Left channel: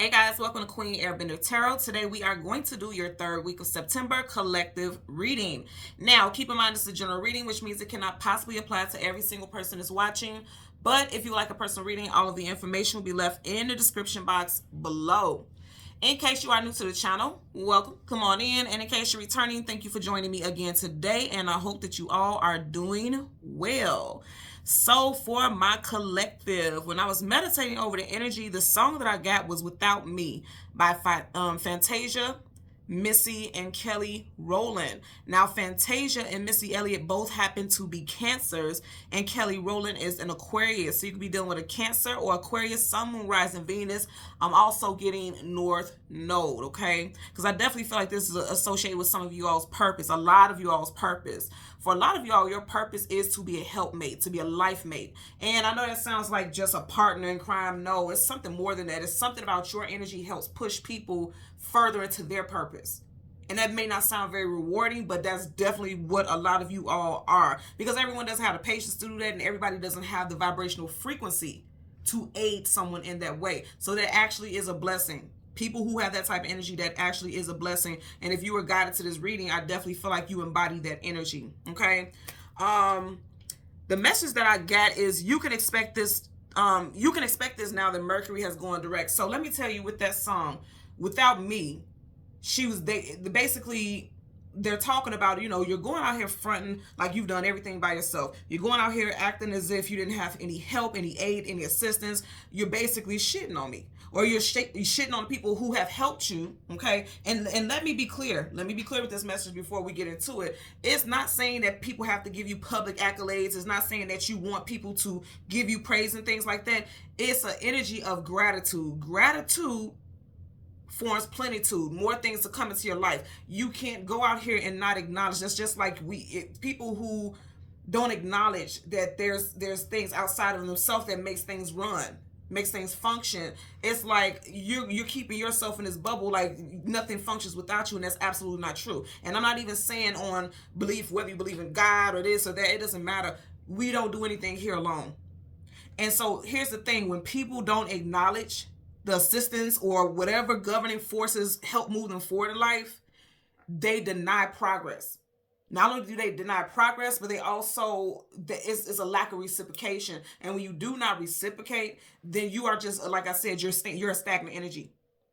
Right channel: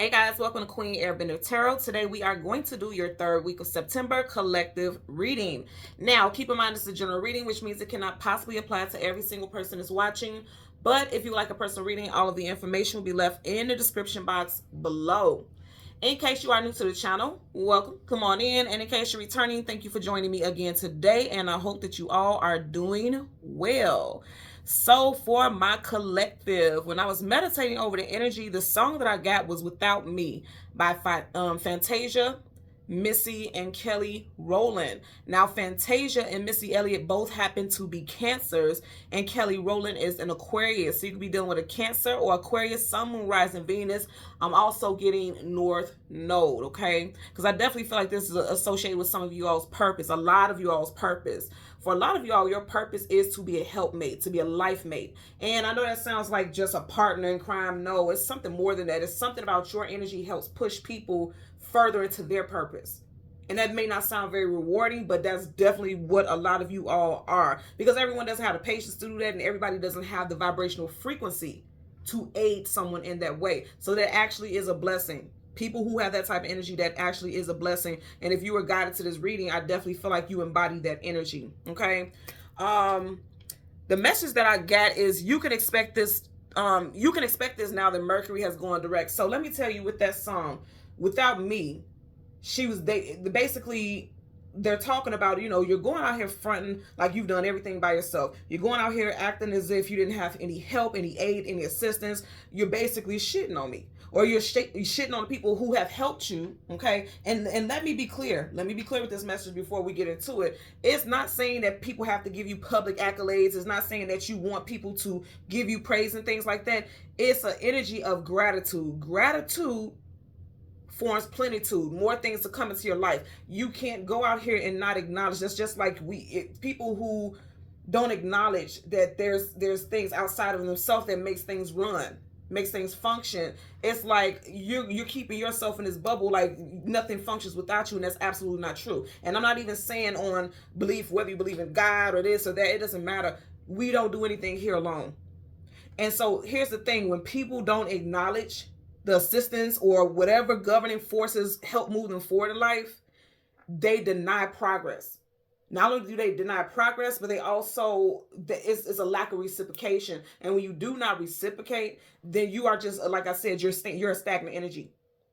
Hey guys, welcome to Queen Airbender Tarot. Today we are going to do your third week of September collective reading. Now, keep in mind this is a general reading, which means it cannot possibly apply to every single person that's watching. But if you like a personal reading, all of the information will be left in the description box below. In case you are new to the channel, welcome, come on in. And in case you're returning, thank you for joining me again today. And I hope that you all are doing well. So for my collective, when I was meditating over the energy, the song that I got was Without Me by Fantasia, Missy, and Kelly Rowland. Now, Fantasia and Missy Elliott both happen to be Cancers, and Kelly Rowland is an Aquarius. So you could be dealing with a Cancer or Aquarius, Sun, Moon, Rising, Venus. I'm also getting North Node, okay? Because I definitely feel like this is associated with some of you all's purpose, a lot of you all's purpose. For a lot of y'all, your purpose is to be a helpmate, to be a life mate. And I know that sounds like just a partner in crime. No, it's something more than that. It's something about your energy helps push people further into their purpose. And that may not sound very rewarding, but that's definitely what a lot of you all are. Because everyone doesn't have the patience to do that, and everybody doesn't have the vibrational frequency to aid someone in that way. So that actually is a blessing. People who have that type of energy, that actually is a blessing. And if you were guided to this reading, I definitely feel like you embody that energy. Okay. The message that I got is you can expect this. You can expect this now that Mercury has gone direct. So let me tell you, with that song, Without Me, they're talking about, you're going out here fronting like you've done everything by yourself. You're going out here acting as if you didn't have any help, any aid, any assistance. You're basically shitting on me, or you're shitting on the people who have helped you, okay? And let me be clear. Let me be clear with this message before we get into it. It's not saying that people have to give you public accolades. It's not saying that you want people to give you praise and things like that. It's an energy of gratitude. Gratitude forms plenitude, more things to come into your life. You can't go out here and not acknowledge. That's just like people who don't acknowledge that there's things outside of themselves that makes things run, makes things function. It's like you're keeping yourself in this bubble, like nothing functions without you, and that's absolutely not true. And I'm not even saying on belief, whether you believe in God or this or that, it doesn't matter. We don't do anything here alone. And so here's the thing: when people don't acknowledge the assistance or whatever governing forces help move them forward in life, they deny progress. Not only do they deny progress, but they also, it's a lack of reciprocation. And when you do not reciprocate, then you are just, like I said, you're a stagnant energy.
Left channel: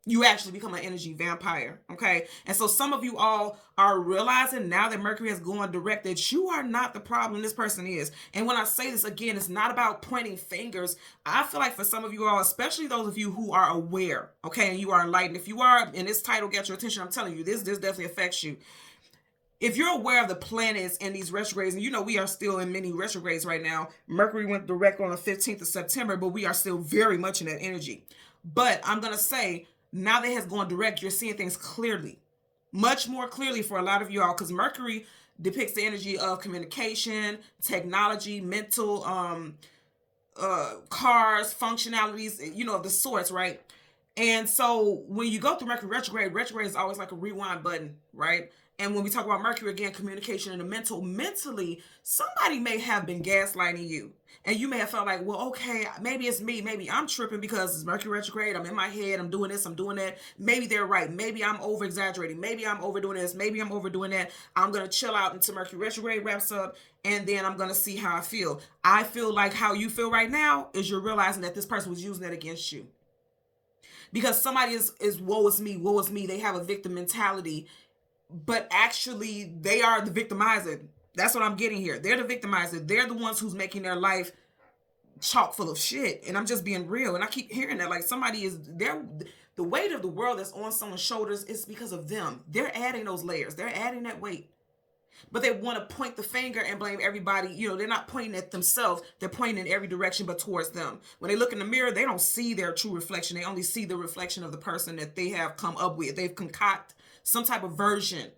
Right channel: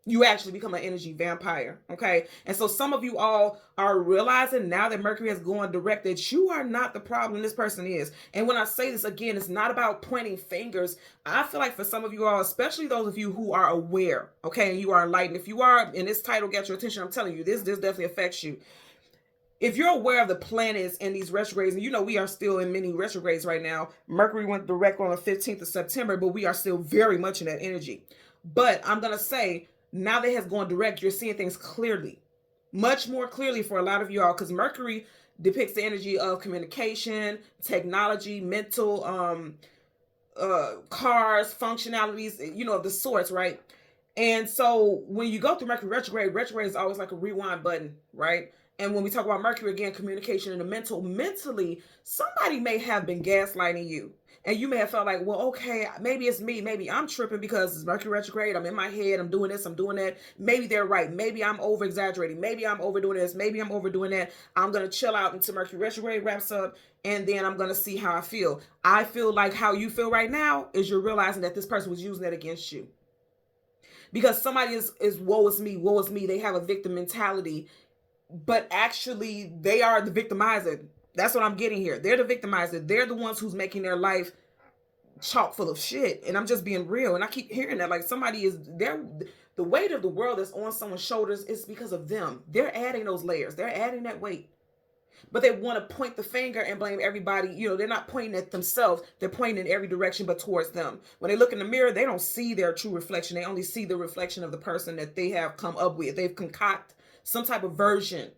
You actually become an energy vampire, okay? And so some of you all are realizing now that Mercury has gone direct that you are not the problem, this person is. And when I say this again, it's not about pointing fingers. I feel like for some of you all, especially those of you who are aware, okay, and you are enlightened, if you are, and this title got your attention, I'm telling you, this definitely affects you. If you're aware of the planets and these retrogrades, and we are still in many retrogrades right now. Mercury went direct on the 15th of September, but we are still very much in that energy. But I'm going to say, now that it has gone direct, you're seeing things clearly, much more clearly for a lot of y'all, because Mercury depicts the energy of communication, technology, mental, cars, functionalities, of the sorts, right? And so when you go through Mercury retrograde is always like a rewind button, right? And when we talk about Mercury, again, communication and the mentally, somebody may have been gaslighting you. And you may have felt like, well, okay, maybe it's me. Maybe I'm tripping because it's Mercury retrograde. I'm in my head. I'm doing this. I'm doing that. Maybe they're right. Maybe I'm over-exaggerating. Maybe I'm overdoing this. Maybe I'm overdoing that. I'm going to chill out until Mercury retrograde wraps up, and then I'm going to see how I feel. I feel like how you feel right now is you're realizing that this person was using that against you. Because somebody is woe is me, woe is me. They have a victim mentality, but actually they are the victimizer. That's what I'm getting here. They're the victimizer. They're the ones who's making their life chock full of shit. And I'm just being real. And I keep hearing that, like somebody is there. The weight of the world that's on someone's shoulders is because of them. They're adding those layers. They're adding that weight. But they want to point the finger and blame everybody. They're not pointing at themselves. They're pointing in every direction but towards them. When they look in the mirror, they don't see their true reflection. They only see the reflection of the person that they have come up with. They've concocted some type of version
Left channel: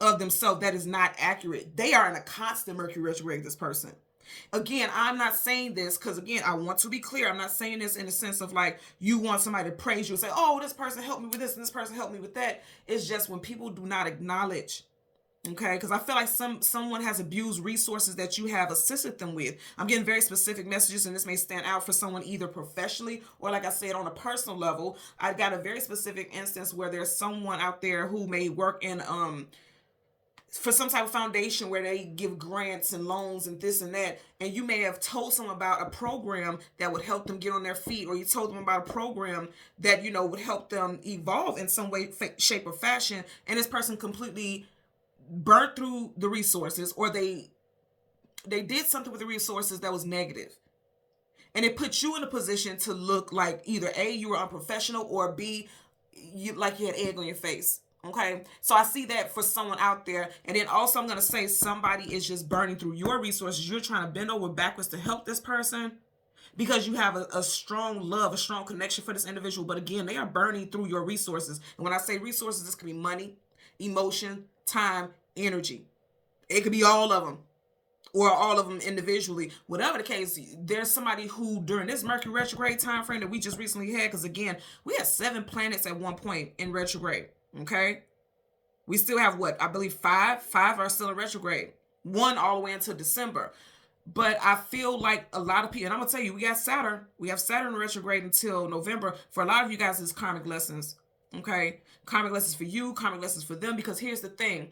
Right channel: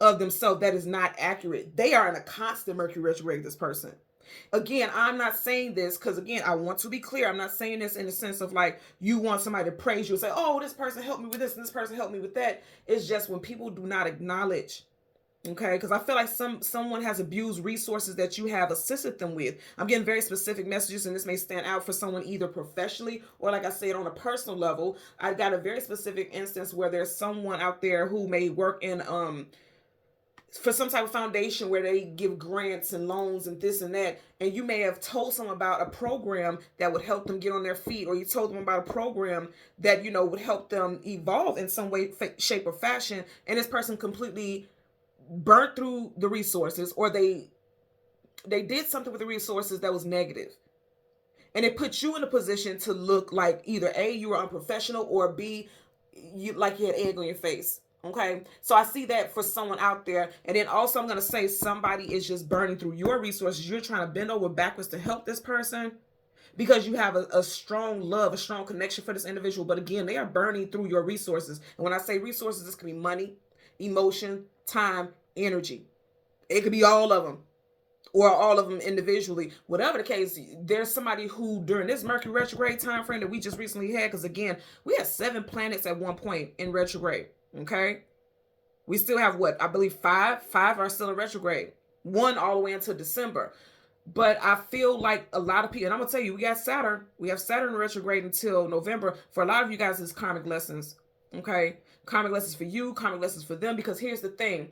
of themselves that is not accurate. They are in a constant Mercury retrograde, this person. Again, I'm not saying this because, again, I want to be clear. I'm not saying this in the sense of like you want somebody to praise you and say, oh, this person helped me with this and this person helped me with that. It's just when people do not acknowledge Okay, because I feel like someone has abused resources that you have assisted them with. I'm getting very specific messages, and this may stand out for someone either professionally or, like I said, on a personal level. I got a very specific instance where there's someone out there who may work in for some type of foundation where they give grants and loans and this and that, and you may have told someone about a program that would help them get on their feet, or you told them about a program that, you know, would help them evolve in some way, shape, or fashion, and this person completely burnt through the resources, or they did something with the resources that was negative, and it put you in a position to look like either A, you were unprofessional, or B, you like you had egg on your face. Okay, so I see that for someone out there. And then also I'm going to say somebody is just burning through your resources. You're trying to bend over backwards to help this person because you have a strong love, a strong connection for this individual. But again, they are burning through your resources. And when I say resources, this could be money, emotion, time, energy. It could be all of them, or all of them individually. Whatever the case, there's somebody who during this Mercury retrograde time frame that we just recently had, because again, we had 7 planets at one point in retrograde. Okay, we still have what I believe five are still in retrograde, 1 all the way until December. But I feel like a lot of people, and I'm gonna tell you, we have Saturn retrograde until November. For a lot of you guys, it's karmic lessons. Okay, karmic lessons for you, karmic lessons for them. Because here's the thing,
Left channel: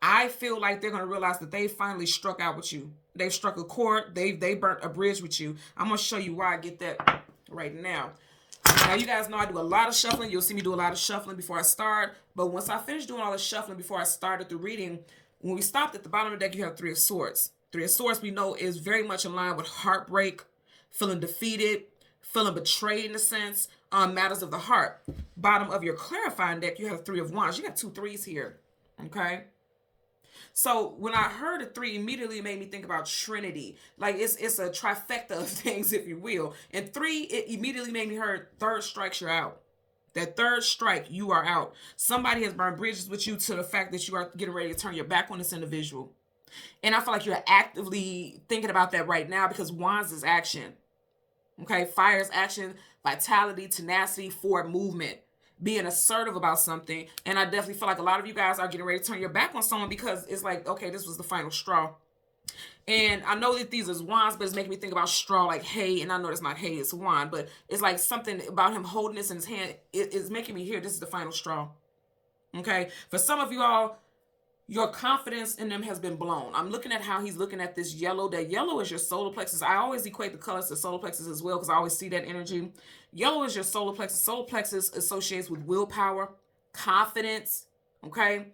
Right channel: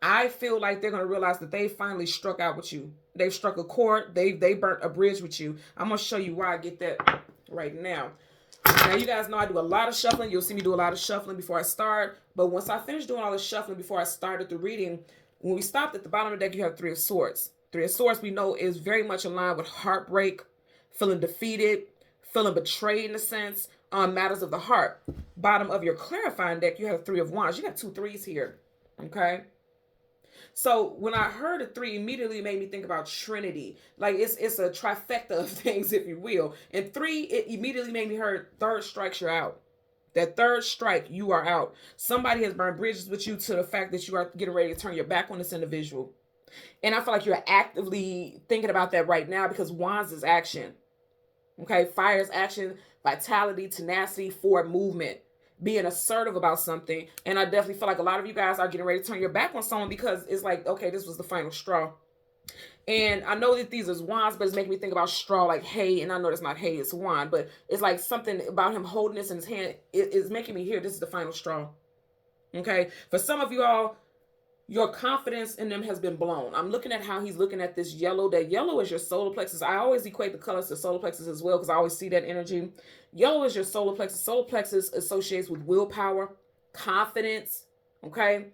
I feel like they're gonna realize that they finally struck out with you. They've struck a chord. They burnt a bridge with you. I'm gonna show you why I get that right now. Now, you guys know I do a lot of shuffling. You'll see me do a lot of shuffling before I start. But once I finish doing all the shuffling before I started the reading, when we stopped at the bottom of the deck, you have 3 of Swords. 3 of Swords, we know, is very much in line with heartbreak, feeling defeated, feeling betrayed in a sense, matters of the heart. Bottom of your clarifying deck, you have 3 of Wands. You got 2 threes here, okay? So when I heard a 3, immediately made me think about Trinity. Like it's a trifecta of things, if you will. And 3, it immediately made me heard 3rd strikes, you're out. That 3rd strike, you are out. Somebody has burned bridges with you to the fact that you are getting ready to turn your back on this individual. And I feel like you're actively thinking about that right now, because Wands is action. Okay, fire is action, vitality, tenacity, forward movement, being assertive about something. And I definitely feel like a lot of you guys are getting ready to turn your back on someone because it's like, okay, this was the final straw. And I know that these are wands, but it's making me think about straw, like hay. And I know it's not hay, it's wand, but it's like something about him holding this in his hand. It's making me hear this is the final straw. Okay, for some of you all, your confidence in them has been blown. I'm looking at how he's looking at this yellow. That yellow is your solar plexus. I always equate the colors to solar plexus as well, because I always see that energy. Yellow is your solar plexus. Solar plexus associates with willpower, confidence, okay,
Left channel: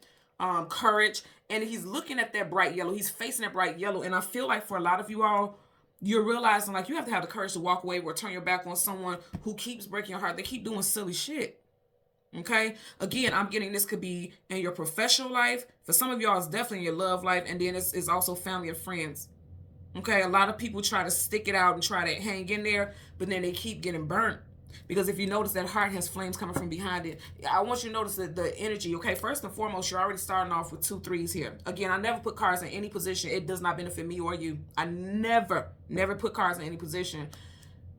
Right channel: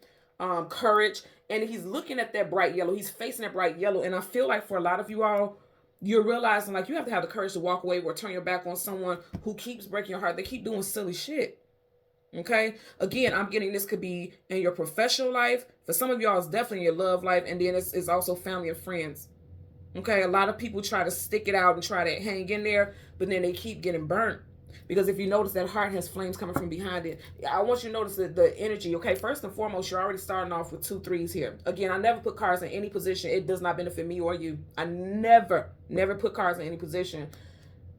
courage. And he's looking at that bright yellow. He's facing that bright yellow. And I feel like for a lot of you all, you're realizing like you have to have the courage to walk away or turn your back on someone who keeps breaking your heart. They keep doing silly shit. Okay, again, I'm getting this could be in your professional life. For some of y'all, it's definitely in your love life, and then it's also family and friends. Okay, a lot of people try to stick it out and try to hang in there, but then they keep getting burnt. Because if you notice, that heart has flames coming from behind it. I want you to notice the energy. Okay, first and foremost, you're already starting off with 2 threes here. Again, I never put cards in any position. It does not benefit me or you. I never put cards in any position.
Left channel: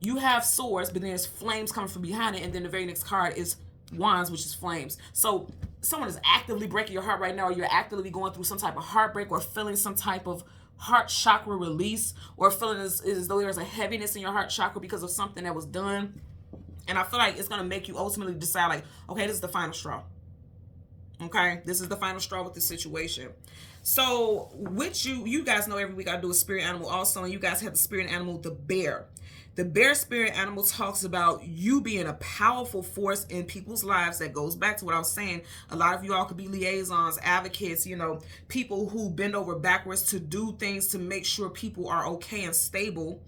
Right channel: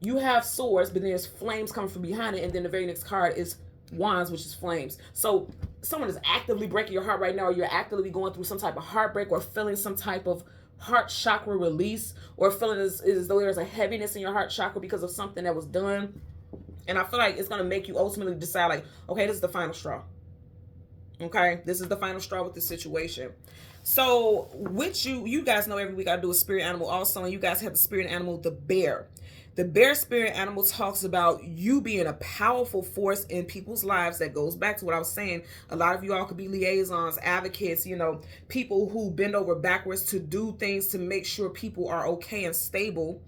You have swords, but then there's flames coming from behind it, and then the very next card is wands, which is flames. So someone is actively breaking your heart right now, or you're actively going through some type of heartbreak, or feeling some type of heart chakra release, or feeling as though there's a heaviness in your heart chakra because of something that was done. And I feel like it's going to make you ultimately decide like, okay, this is the final straw. Okay, this is the final straw with this situation. So with you guys know every week I do a spirit animal also, and you guys have the spirit animal, the bear. The bear spirit animal talks about you being a powerful force in people's lives. That goes back to what I was saying. A lot of you all could be liaisons, advocates, you know, people who bend over backwards to do things to make sure people are okay and stable,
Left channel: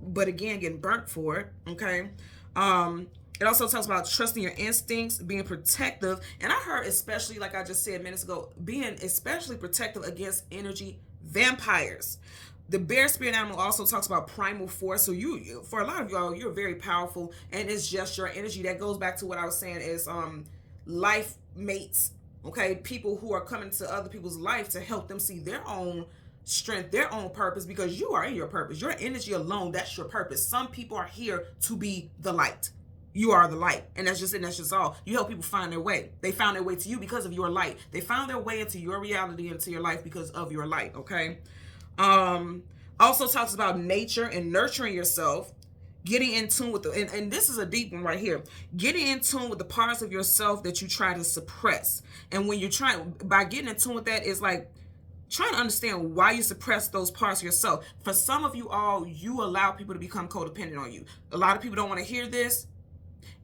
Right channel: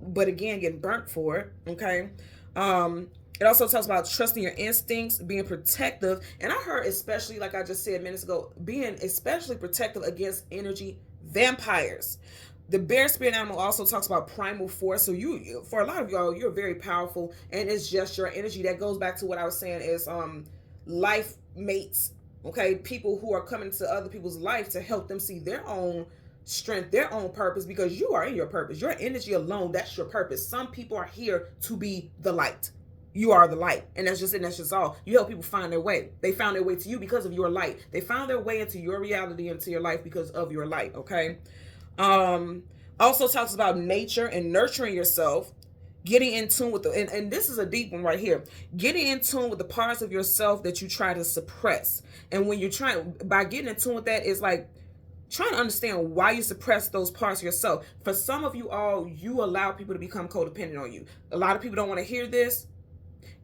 but again, getting burnt for it. Okay. It also talks about trusting your instincts, being protective. And I heard, especially like I just said minutes ago, being especially protective against energy vampires. The bear spirit animal also talks about primal force. So you, for a lot of y'all, you're very powerful, and it's just your energy. That goes back to what I was saying is life mates. Okay, people who are coming to other people's life to help them see their own strength, their own purpose, because you are in your purpose. Your energy alone, that's your purpose. Some people are here to be the light. You are the light, and that's just all. You help people find their way. They found their way to you because of your light. They found their way into your reality, into your life because of your light. Okay. Also talks about nature and nurturing yourself, getting in tune with and this is a deep one right here. Getting in tune with the parts of yourself that you try to suppress. And when you're trying, by getting in tune with that, is like trying to understand why you suppress those parts of yourself. For some of you all, you allow people to become codependent on you. A lot of people don't want to hear this.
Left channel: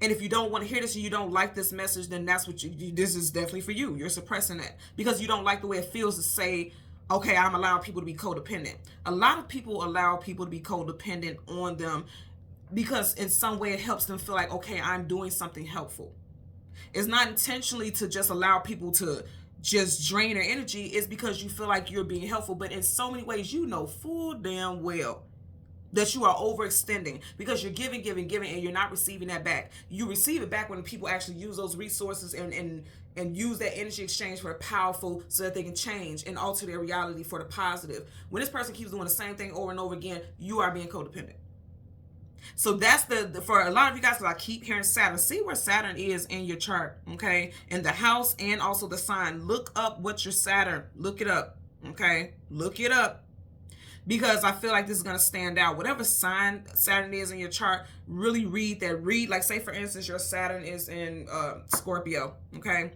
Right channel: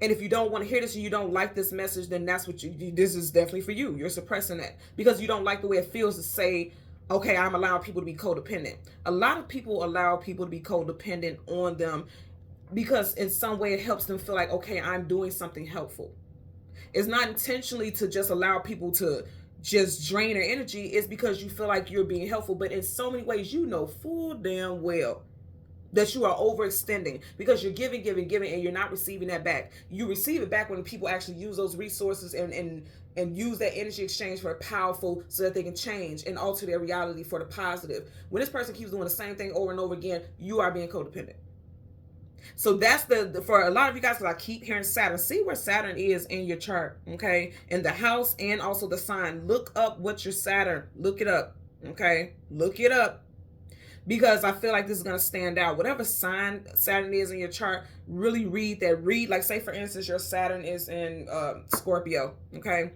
And if you don't want to hear this and you don't like this message, then that's what this is definitely for you. You're suppressing that because you don't like the way it feels to say, okay, I'm allowing people to be codependent. A lot of people allow people to be codependent on them because in some way it helps them feel like, okay, I'm doing something helpful. It's not intentionally to just allow people to just drain their energy. It's because you feel like you're being helpful. But in so many ways, you know full damn well that you are overextending because you're giving, and you're not receiving that back. You receive it back when people actually use those resources and use that energy exchange for powerful so that they can change and alter their reality for the positive. When this person keeps doing the same thing over and over again, you are being codependent. So that's for a lot of you guys, because I keep hearing Saturn. See where Saturn is in your chart, okay? In the house and also the sign. Look up what your Saturn, look it up, okay? Look it up. Because I feel like this is going to stand out. Whatever sign Saturn is in your chart, really read that. Read, like say for instance, your Saturn is in Scorpio, okay?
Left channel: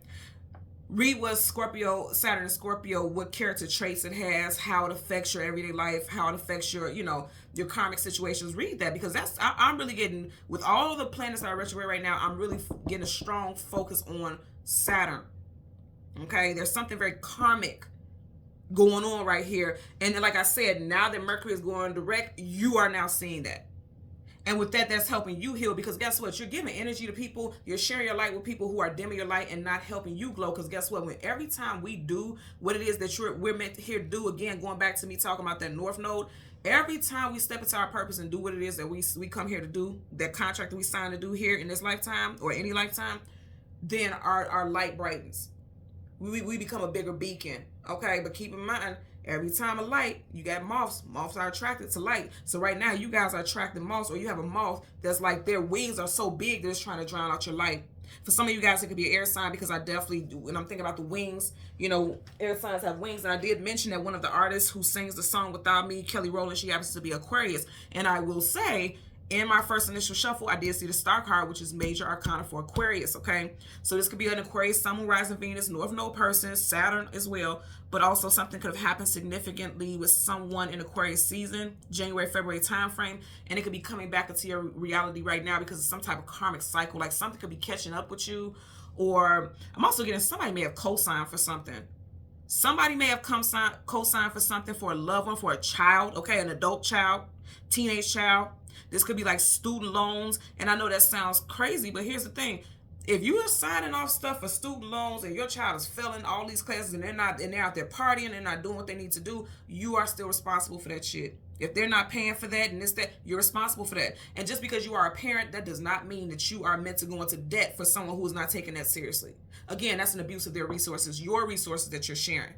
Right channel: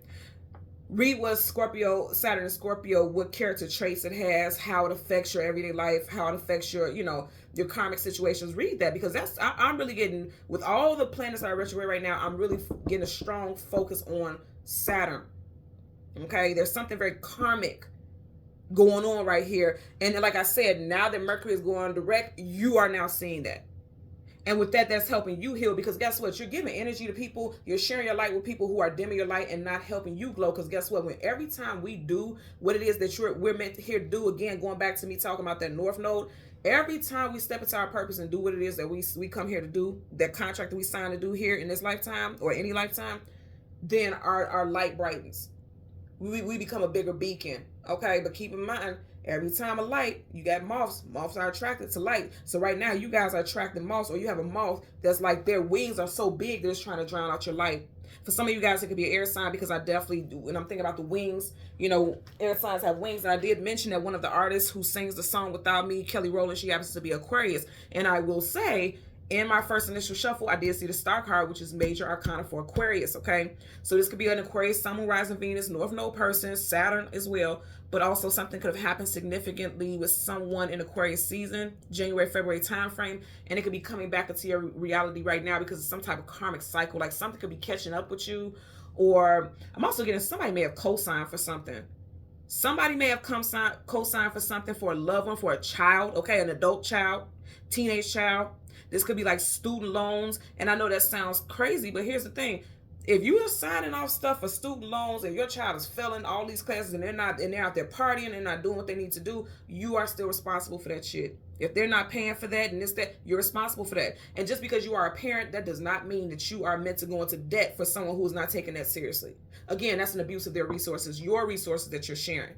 Read what Saturn in Scorpio, what character traits it has, how it affects your everyday life, how it affects your, your karmic situations. Read that because I'm really getting, with all the planets that are retrograde right now, I'm really getting a strong focus on Saturn, okay? There's something very karmic going on right here. And like I said, now that Mercury is going direct, you are now seeing that. And with that, that's helping you heal because guess what? You're giving energy to people. You're sharing your light with people who are dimming your light and not helping you glow. Because guess what? When every time we do what it is that we're meant to here to do, again, going back to me talking about that North Node, every time we step into our purpose and do what it is that we come here to do, that contract that we signed to do here in this lifetime or any lifetime, then our light brightens. We become a bigger beacon, okay? But keep in mind, every time a light, you got moths. Moths are attracted to light. So right now, you guys are attracting moths, or you have a moth that's like their wings are so big, they're just trying to drown out your light. For some of you guys, it could be an air sign because I definitely do. When I'm thinking about the wings, air signs have wings. And I did mention that one of the artists who sings the song Without Me, Kelly Rowland, she happens to be Aquarius. And I will say, in my first initial shuffle, I did see the star card, which is major arcana for Aquarius, okay? So this could be an Aquarius, Sun, Moon, Rising, Venus, North Node person, Saturn as well, but also something could have happened significantly with someone in Aquarius season, January, February time frame, and it could be coming back into your reality right now because it's some type of karmic cycle, like something could be catching up with you, or I'm also getting somebody may have co-signed for something. Somebody may have co-signed for something for a loved one, for a child, okay, an adult child, teenage child. This could be like student loans. And I know that sounds crazy, but here's the thing. If you are signing off stuff for student loans and your child is failing all these classes and they're out there partying and not doing what they need to do, you are still responsible for that shit. If they're not paying for that and that, you're responsible for that. And just because you are a parent, that does not mean that you are meant to go into debt for someone who is not taking that seriously. Again, that's an abuse of their resources, your resources that you're sharing.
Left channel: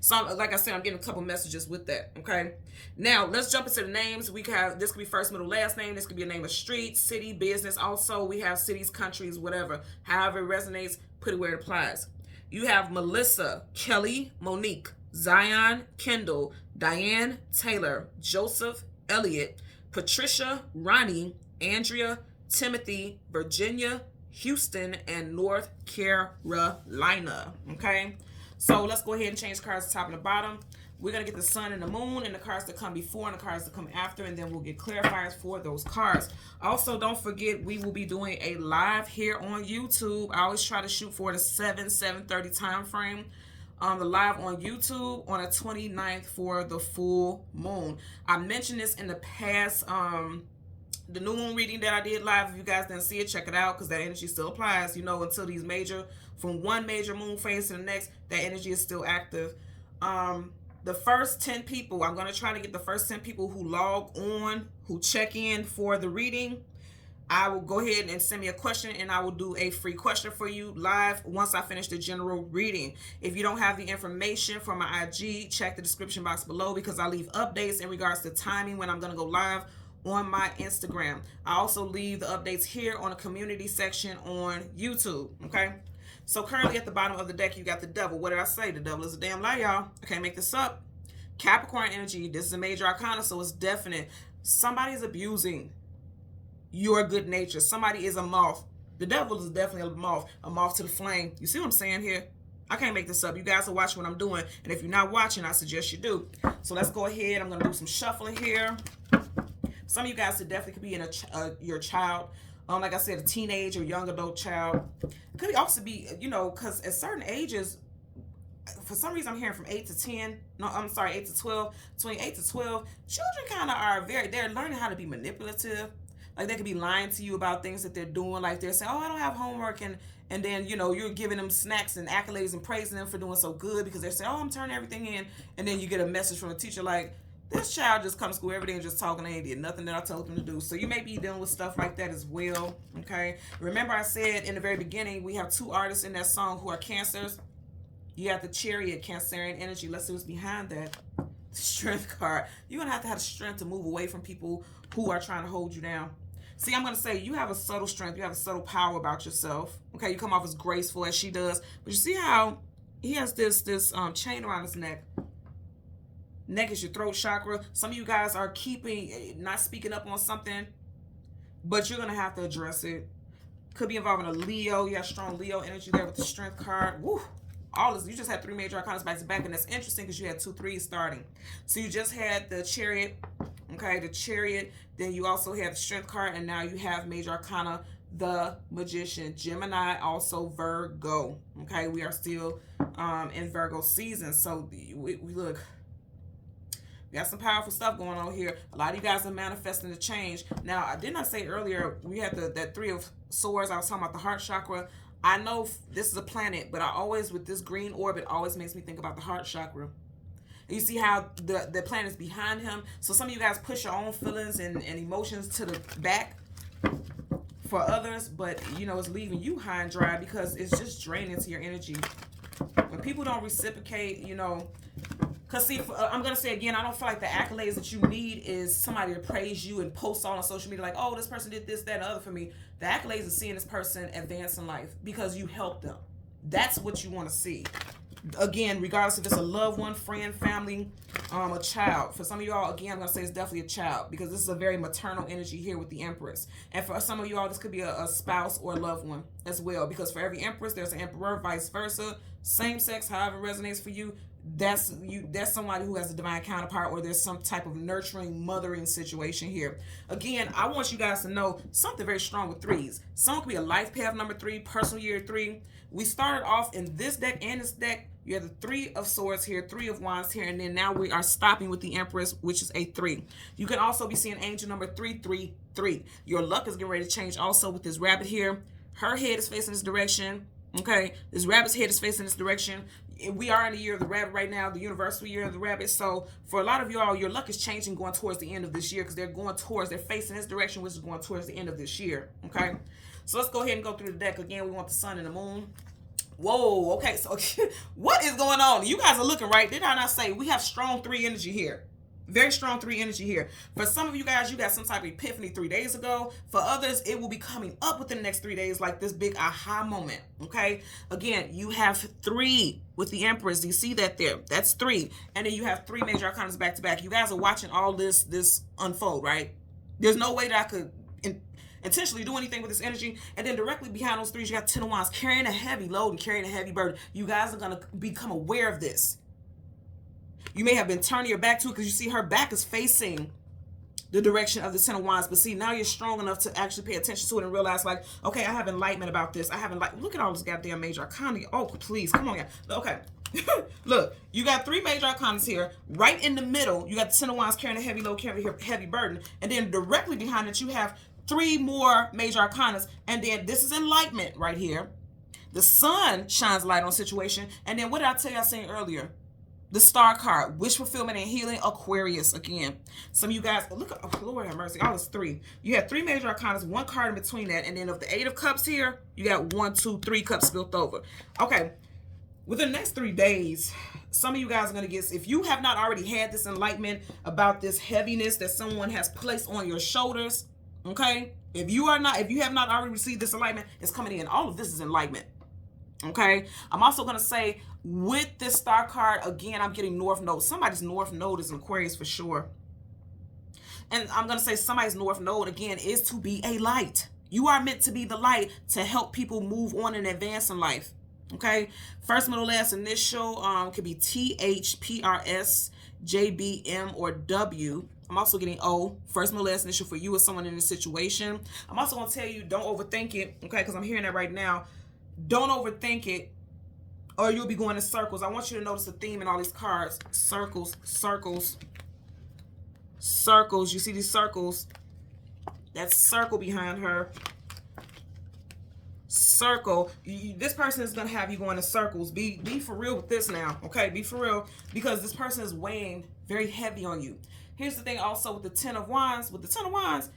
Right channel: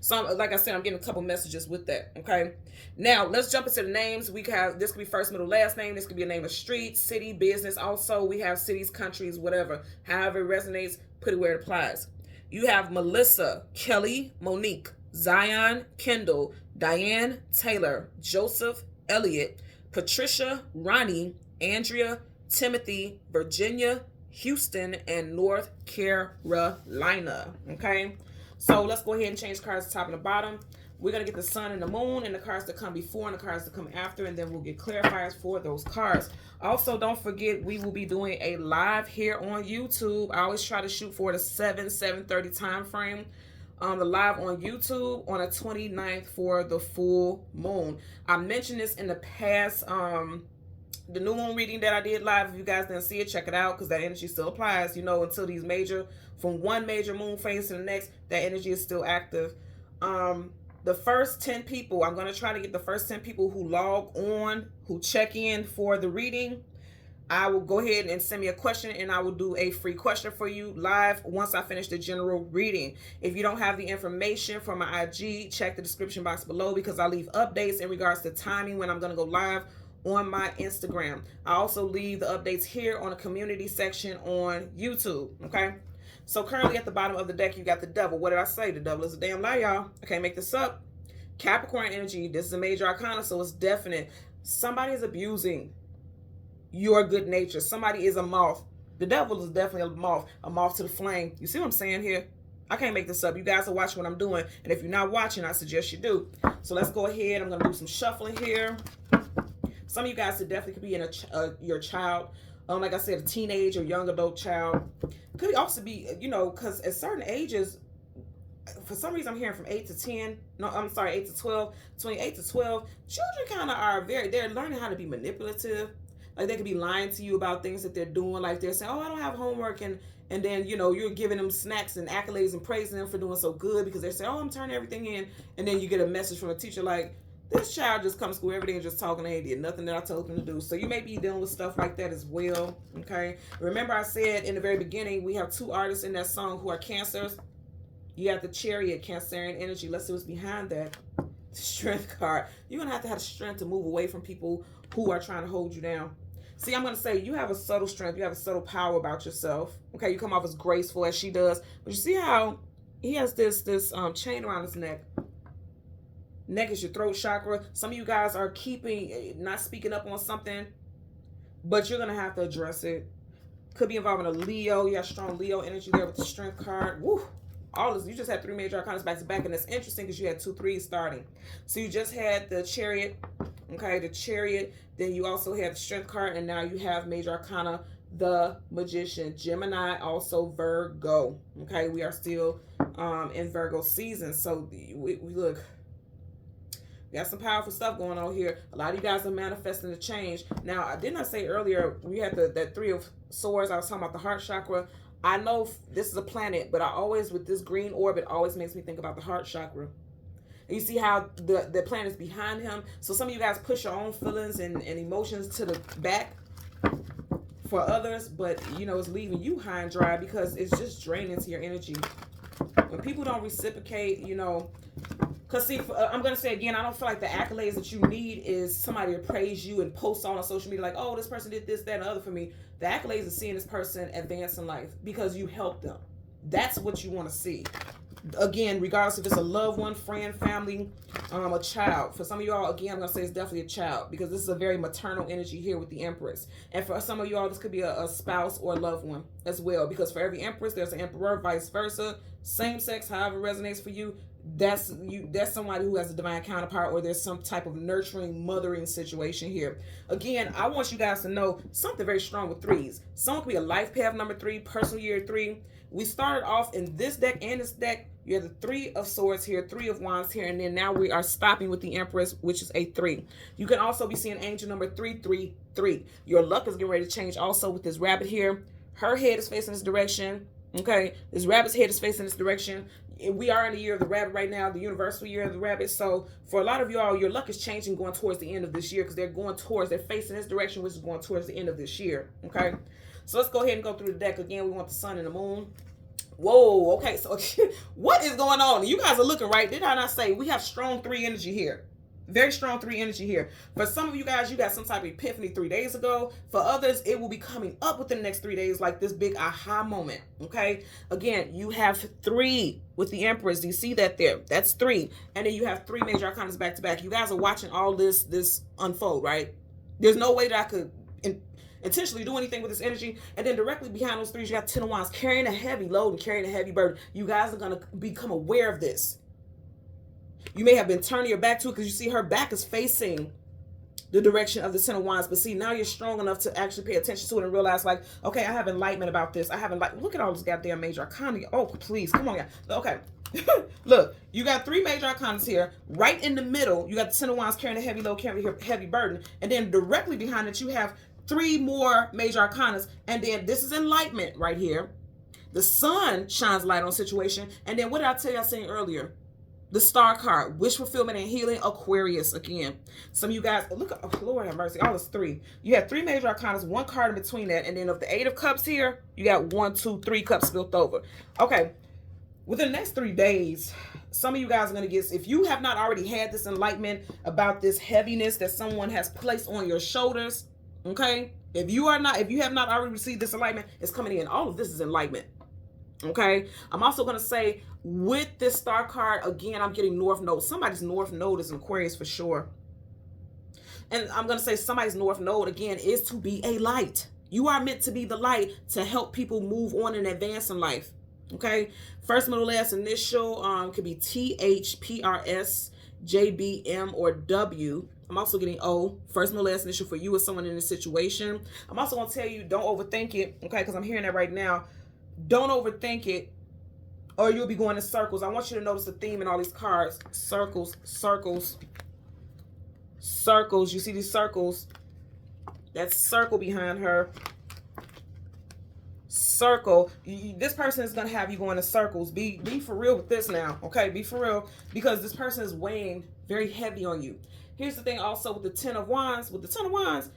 So, like I said, I'm getting a couple messages with that, okay? Now, let's jump into the names. We have, this could be first, middle, last name. This could be a name of street, city, business. Also, we have cities, countries, whatever. However it resonates, put it where it applies. You have Melissa, Kelly, Monique, Zion, Kendall, Diane, Taylor, Joseph, Elliot, Patricia, Ronnie, Andrea, Timothy, Virginia, Houston, and North Carolina, okay? So let's go ahead and change cards to top and the bottom. We're going to get the sun and the moon and the cards that come before and the cards that come after, and then we'll get clarifiers for those cards. Also, don't forget, we will be doing a live here on YouTube. I always try to shoot for the 7:30 time frame. The live on YouTube on the 29th for the full moon. I mentioned this in the past, the new moon reading that I did live. If you guys didn't see it, check it out because that energy still applies, until these from one major moon phase to the next, that energy is still active. The first 10 people, I'm going to try to get the first 10 people who log on, who check in for the reading. I will go ahead and send me a question and I will do a free question for you live once I finish the general reading. If you don't have the information from my IG, check the description box below because I leave updates in regards to timing when I'm going to go live on my Instagram. I also leave the updates here on the community section on YouTube, okay? So currently at the bottom of the deck, you got the devil. What did I say? The devil is a damn lie, y'all. I can't make this up. Capricorn energy. This is a major arcana, so it's definite. Somebody is abusing your good nature. Somebody is a moth. The devil is definitely a moth to the flame. You see what I'm saying here? I can't make this up. You guys are watching what I'm doing. And if you're not watching, I suggest you do. So let's go ahead. I'm going to do some shuffling here. Some of you guys definitely could be in your child. Like I said, a teenage or young adult child. Could also be, you know, because at certain ages, for some reason I'm hearing from 8 to 10. No, I'm sorry, 8 to 12. Between 8 to 12, children kind of are they're learning how to be manipulative. Like they could be lying to you about things that they're doing. Like they're saying, oh, I don't have homework. And then, you know, you're giving them snacks and accolades and praising them for doing so good because they're saying, oh, I'm turning everything in. And then you get a message from a teacher like, this child just comes to school every day and just talking, they did nothing that I told them to do. So you may be dealing with stuff like that as well, okay? Remember I said in the very beginning, we have two artists in that song who are Cancers. You have the Chariot, Cancerian energy. Let's see what's behind that. The Strength card. You're going to have the strength to move away from people who are trying to hold you down. See, I'm going to say you have a subtle strength. You have a subtle power about yourself. Okay, you come off as graceful as she does. But you see how he has this chain around his neck. Neck is your throat chakra. Some of you guys are not speaking up on something, but you're going to have to address it. Could be involving a Leo. You have strong Leo energy there with the Strength card. Woo! All this, you just had three major arcanas back to back, and that's interesting because you had 2 3s starting. So you just had the Chariot, okay, the Chariot. Then you also have the Strength card, and now you have major arcana, the Magician, Gemini, also Virgo. Okay, we are still in Virgo season. So we look. Got some powerful stuff going on here. A lot of you guys are manifesting the change. Now, I did not say earlier, we had that 3 of Swords. I was talking about the heart chakra. I know this is a planet, but I always, with this green orbit, always makes me think about the heart chakra. And you see how the planet's behind him. So some of you guys push your own feelings and emotions to the back for others, but, you know, it's leaving you high and dry because it's just draining to your energy. When people don't reciprocate, you know, because see, I'm going to say again, I don't feel like the accolades that you need is somebody to praise you and post all on social media like, oh, this person did this, that, and the other for me. The accolades is seeing this person advance in life because you helped them. That's what you want to see. Again, regardless if it's a loved one, friend, family, a child. For some of y'all, again, I'm going to say it's definitely a child because this is a very maternal energy here with the Empress. And for some of y'all, this could be a spouse or a loved one as well because for every Empress, there's an Emperor, vice versa. Same sex, however it resonates for you. That's somebody who has a divine counterpart or there's some type of nurturing, mothering situation here. Again, I want you guys to know something very strong with 3s. Someone could be a life path number 3, personal year 3. We started off in this deck and this deck. You have the 3 of Swords here, 3 of Wands here, and then now we are stopping with the Empress, which is a 3. You can also be seeing angel number 333. Your luck is getting ready to change also with this rabbit here. Her head is facing this direction. Okay, this rabbit's head is facing this direction. We are in the year of the rabbit right now, the universal year of the rabbit. So for a lot of y'all, your luck is changing going towards the end of this year because they're facing this direction, which is going towards the end of this year. Okay, so let's go ahead and go through the deck again. We want the sun and the moon. Whoa, okay, so what is going on? You guys are looking right. Did I not say we have strong 3 energy here? Very strong 3 energy here. For some of you guys, you got some type of epiphany 3 days ago. For others, it will be coming up within the next 3 days, like this big aha moment. Okay. Again, you have 3 with the Empress. Do you see that there? That's 3. And then you have 3 major arcanas back to back. You guys are watching all this unfold, right? There's no way that I could intentionally do anything with this energy. And then directly behind those 3s, you got 10 of Wands carrying a heavy load and carrying a heavy burden. You guys are going to become aware of this. You may have been turning your back to it because you see her back is facing the direction of the 10 of Wands. But see, now you're strong enough to actually pay attention to it and realize like, okay, I have enlightenment about this. I have enlightenment. Look at all this goddamn major arcana. Oh, please. Come on, guys. Okay. Look, you got 3 major arcanas here. Right in the middle, you got the 10 of Wands carrying a heavy load, carrying a heavy burden. And then directly behind it, you have 3 more major arcanas. And then this is enlightenment right here. The sun shines light on a situation. And then what did I tell you I saying earlier? The star card, wish fulfillment and healing, Aquarius again. Some of you guys, look at, oh, Lord have mercy, all is 3. You have 3 major arcanas, 1 card in between that. And then of the 8 of cups here, you got 1, 2, 3 cups spilled over. Okay, within the next 3 days, some of you guys are going to get, if you have not already had this enlightenment about this heaviness that someone has placed on your shoulders, okay? If you have not already received this enlightenment, it's coming in. All of this is enlightenment. Okay, I'm also going to say with this star card, again, I'm getting North Node. Somebody's North Node is Aquarius for sure. And I'm going to say somebody's North Node, again, is to be a light. You are meant to be the light to help people move on and advance in life. Okay, first, middle, last initial could be T, H, P, R, S, J, B, M, or W. I'm also getting O. First, middle, last initial for you or someone in this situation. I'm also going to tell you, don't overthink it, okay, because I'm hearing that right now. Don't overthink it, or you'll be going in circles. I want you to notice the theme in all these cards. Circles, circles, circles. You see these circles? That circle behind her. Circle. This person is going to have you going in circles. Be for real with this now, okay? Be for real, because this person is weighing very heavy on you. Here's the thing also with the Ten of Wands. With the Ten of Wands,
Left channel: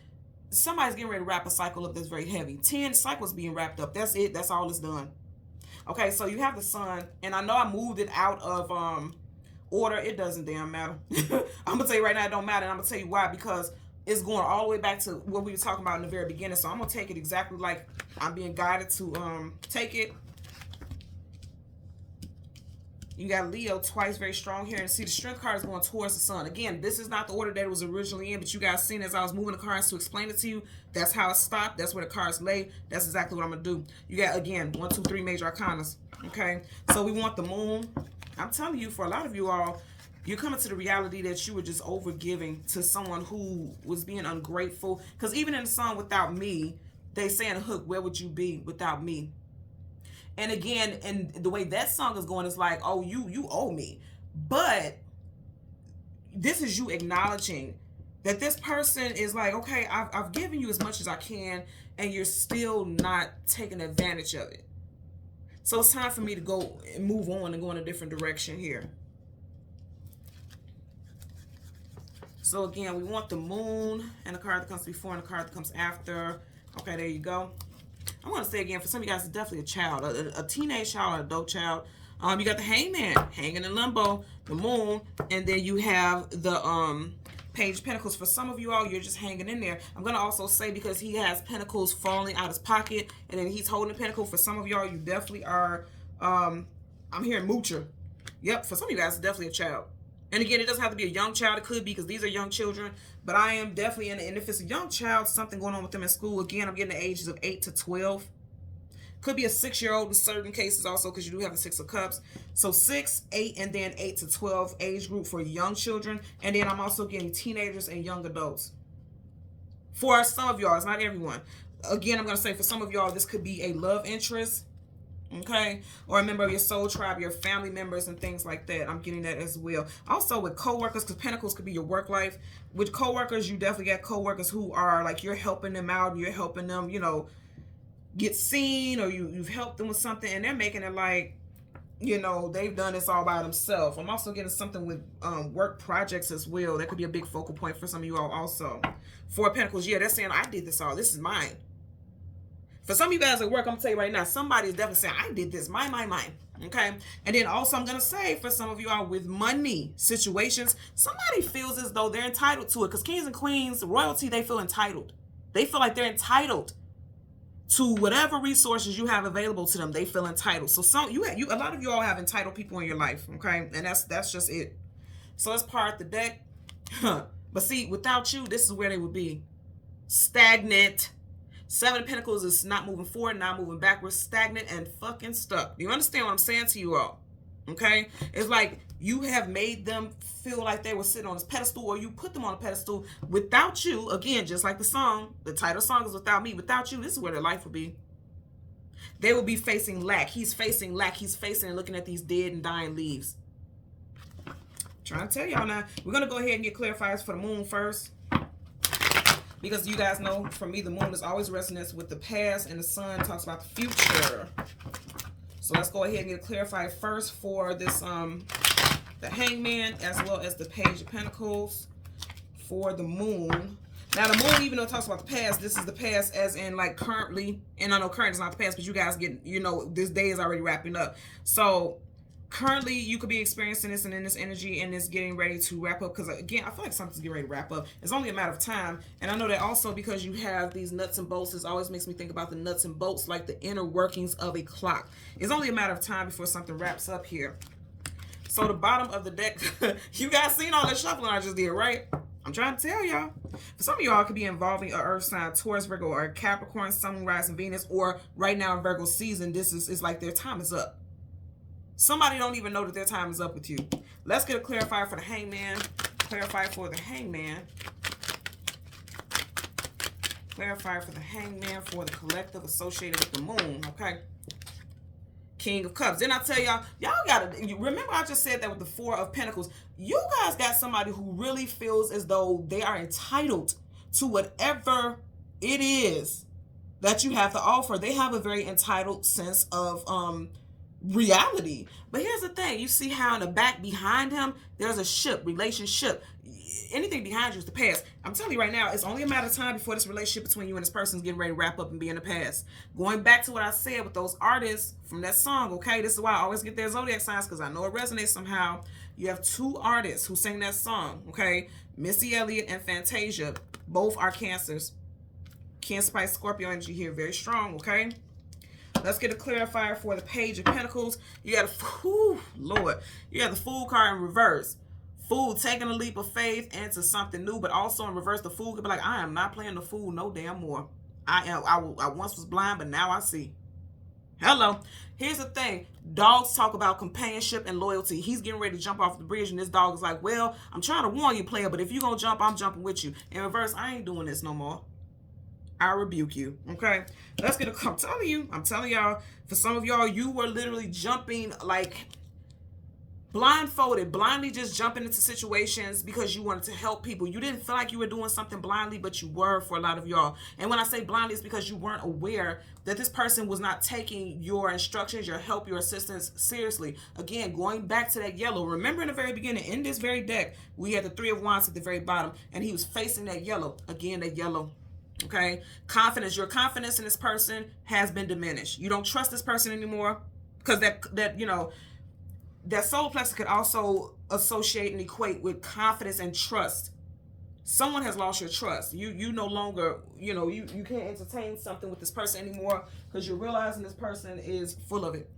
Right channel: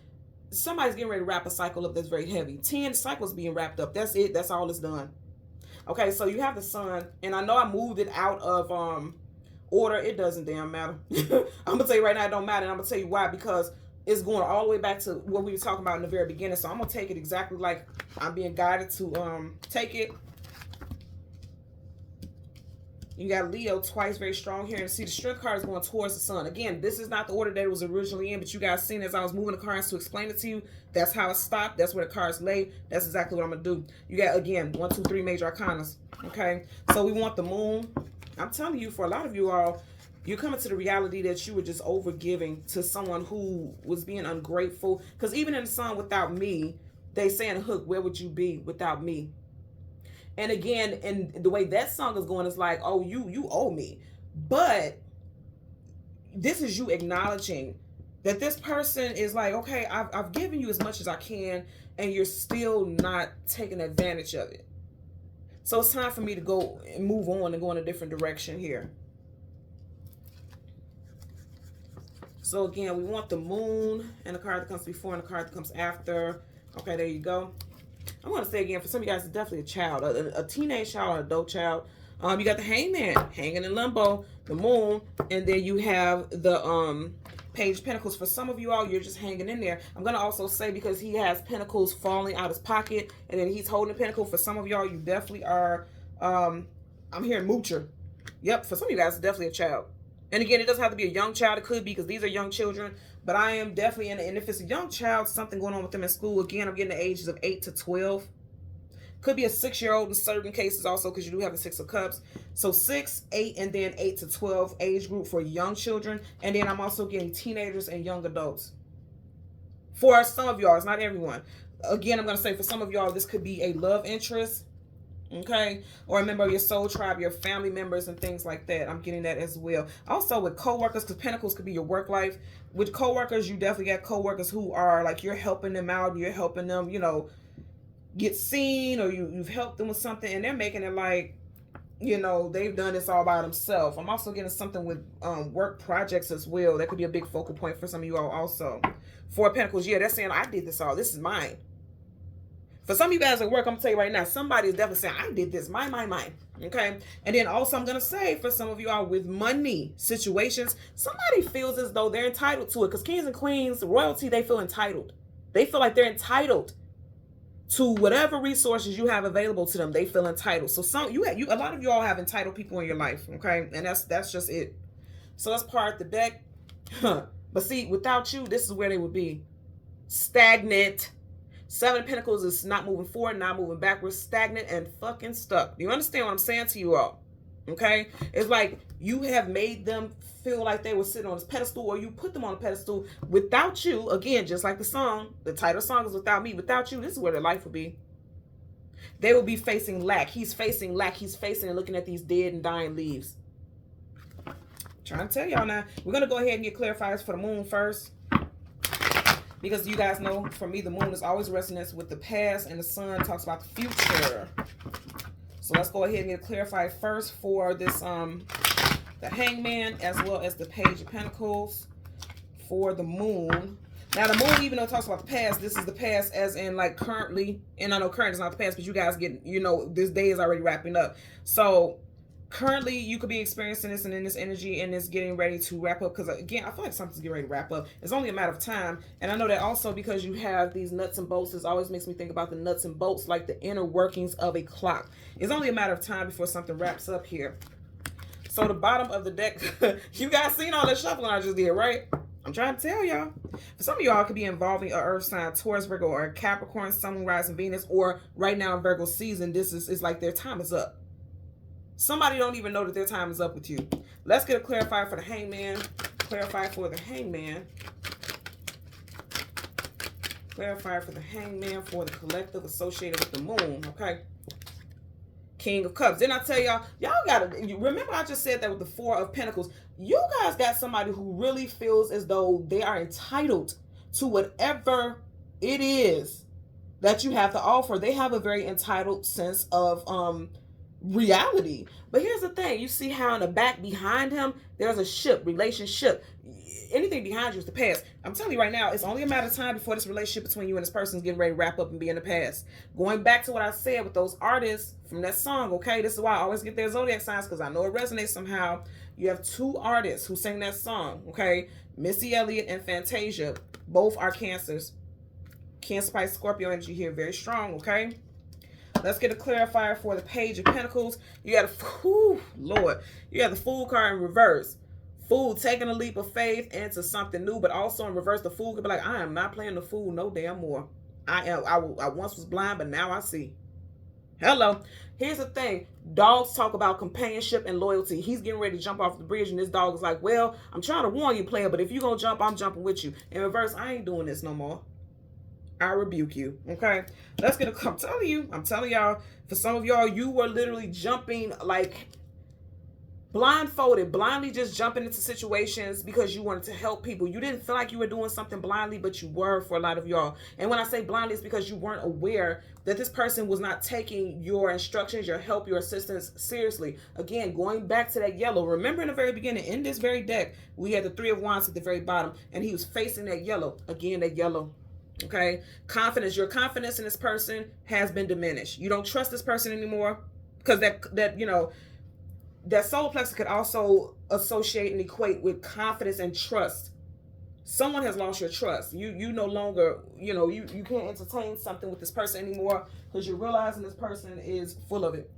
somebody's getting ready to wrap a cycle up that's very heavy. 10 cycles being wrapped up. That's it. That's all it's done. Okay, so you have the Sun, and I know I moved it out of order. It doesn't damn matter. I'm gonna tell you right now, it don't matter, and I'm gonna tell you why, because it's going all the way back to what we were talking about in the very beginning. So I'm gonna take it exactly like I'm being guided to take it. You got Leo twice, very strong here. And see, the Strength card is going towards the Sun. Again, this is not the order that it was originally in, but you guys seen as I was moving the cards to explain it to you. That's how it stopped. That's where the cards lay. That's exactly what I'm going to do. You got, again, 1, 2, 3 major arcanas. Okay? So we want the Moon. I'm telling you, for a lot of you all, you're coming to the reality that you were just overgiving to someone who was being ungrateful. Because even in the Sun, without me, they say in the hook, where would you be without me? And again, and the way that song is going is like, oh, you owe me. But this is you acknowledging that this person is like, okay, I've given you as much as I can, and you're still not taking advantage of it. So it's time for me to go and move on and go in a different direction here. So again, we want the Moon and the card that comes before and the card that comes after. Okay, there you go. I'm going to say again, for some of you guys, it's definitely a child, a teenage child, an adult child. You got the Hangman hanging in limbo, the Moon, and then you have the Page of Pentacles. For some of you all, you're just hanging in there. I'm going to also say, because he has pentacles falling out his pocket, and then he's holding a pentacle. For some of y'all, you definitely are, I'm hearing moocher. Yep, for some of you guys, it's definitely a child. And again, it doesn't have to be a young child. It could be, because these are young children. But I am definitely in, and if it's a young child, something going on with them in school. Again, I'm getting the ages of 8 to 12. Could be a 6-year-old in certain cases also, because you do have the 6 of Cups. So 6, 8, and then 8 to 12 age group for young children. And then I'm also getting teenagers and young adults. For some of y'all, it's not everyone. Again, I'm going to say for some of y'all, this could be a love interest. Okay, or a member of your soul tribe, your family members, and things like that. I'm getting that as well. Also with co-workers, because Pentacles could be your work life. With co-workers, you definitely got co-workers who are like, you're helping them out, you're helping them, you know, get seen, or you've helped them with something, and they're making it like, you know, they've done this all by themselves. I'm also getting something with work projects as well. That could be a big focal point for some of you all also. 4 of Pentacles, yeah, they're saying, I did this all. This is mine. For some of you guys at work, I'm going to tell you right now, somebody is definitely saying, I did this, mine. Okay? And then also I'm going to say, for some of you all with money situations, somebody feels as though they're entitled to it. Because kings and queens, royalty, they feel entitled. They feel like they're entitled to whatever resources you have available to them. They feel entitled. So a lot of you all have entitled people in your life. Okay? And that's just it. So let's part the deck. But see, without you, this is where they would be. Stagnant. 7 of Pentacles is not moving forward, not moving backwards, stagnant and fucking stuck. Do you understand what I'm saying to you all? Okay? It's like you have made them feel like they were sitting on this pedestal, or you put them on a pedestal. Without you, again, just like the song, the title song is Without Me. Without you, this is where their life would be. They will be facing lack. He's facing lack. He's facing and looking at these dead and dying leaves. I'm trying to tell y'all now. We're going to go ahead and get clarifiers for the Moon first. Because you guys know, for me, the Moon is always resonates with the past, and the Sun talks about the future. So let's go ahead and get clarified first for this, the Hangman, as well as the Page of Pentacles for the Moon. Now, the Moon, even though it talks about the past, this is the past as in, like, currently. And I know current is not the past, but you guys get, you know, this day is already wrapping up. So Currently, you could be experiencing this and in this energy, and it's getting ready to wrap up. Because again, I feel like something's getting ready to wrap up. It's only a matter of time. And I know that also because you have these nuts and bolts, this always makes me think about the nuts and bolts, like the inner workings of a clock. It's only a matter of time before something wraps up here. So the bottom of the deck, you guys seen all that shuffling I just did, right? I'm trying to tell y'all. For some of y'all, it could be involving an earth sign, Taurus, Virgo, or Capricorn, Sun, Rising, Venus, or right now in Virgo season, this is like their time is up. Somebody don't even know that their time is up with you. Let's get a clarifier for the Hangman. Clarify for the Hangman. Clarify for the Hangman for the collective associated with the moon. Okay. King of Cups. Didn't I tell y'all gotta remember I just said that with the Four of Pentacles. You guys got somebody who really feels as though they are entitled to whatever it is that you have to offer. They have a very entitled sense of reality. But here's the thing, you see how in the back behind him there's a ship, relationship. Anything behind you is the past. I'm telling you right now, it's only a matter of time before this relationship between you and this person is getting ready to wrap up and be in the past. Going back to what I said with those artists from that song, okay, this is why I always get their zodiac signs, because I know it resonates somehow. You have two artists who sing that song, okay, Missy Elliott and Fantasia. Both are Cancers. Cancer, Pisces, Scorpio energy here, very strong, okay. Let's get a clarifier for the Page of Pentacles. You got Lord. You have the Fool card in reverse. Fool taking a leap of faith into something new, but also in reverse, the Fool could be like, I am not playing the fool no damn more. I once was blind, but now I see. Hello. Here's the thing. Dogs talk about companionship and loyalty. He's getting ready to jump off the bridge, and this dog is like, well, I'm trying to warn you, player, but if you're going to jump, I'm jumping with you. In reverse, I ain't doing this no more. I rebuke you. Okay, let's get a. I'm telling y'all, for some of y'all, you were literally jumping like blindfolded, blindly just jumping into situations because you wanted to help people. You didn't feel like you were doing something blindly, but you were for a lot of y'all. And when I say blindly, it's because you weren't aware that this person was not taking your instructions, your help, your assistance seriously. Again, going back to that yellow. Remember in the very beginning, in this very deck, we had the Three of Wands at the very bottom, and he was facing that yellow. Again, that yellow. Okay, confidence. Your confidence in this person has been diminished. You don't trust this person anymore because that you know, that solar plexus could also associate and equate with confidence and trust. Someone has lost your trust. You no longer, you know, you can't entertain something with this person anymore because you're realizing this person is full of it.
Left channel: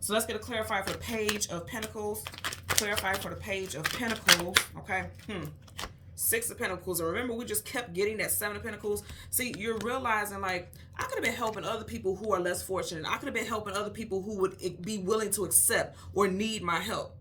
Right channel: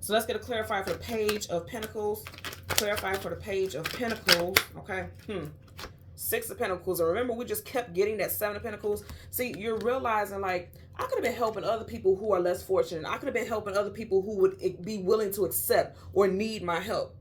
So let's get a clarifier for the Page of Pentacles. Clarify for the Page of Pentacles. Okay. Six of Pentacles. And remember, we just kept getting that Seven of Pentacles. See, you're realizing, like, I could have been helping other people who are less fortunate. I could have been helping other people who would be willing to accept or need my help.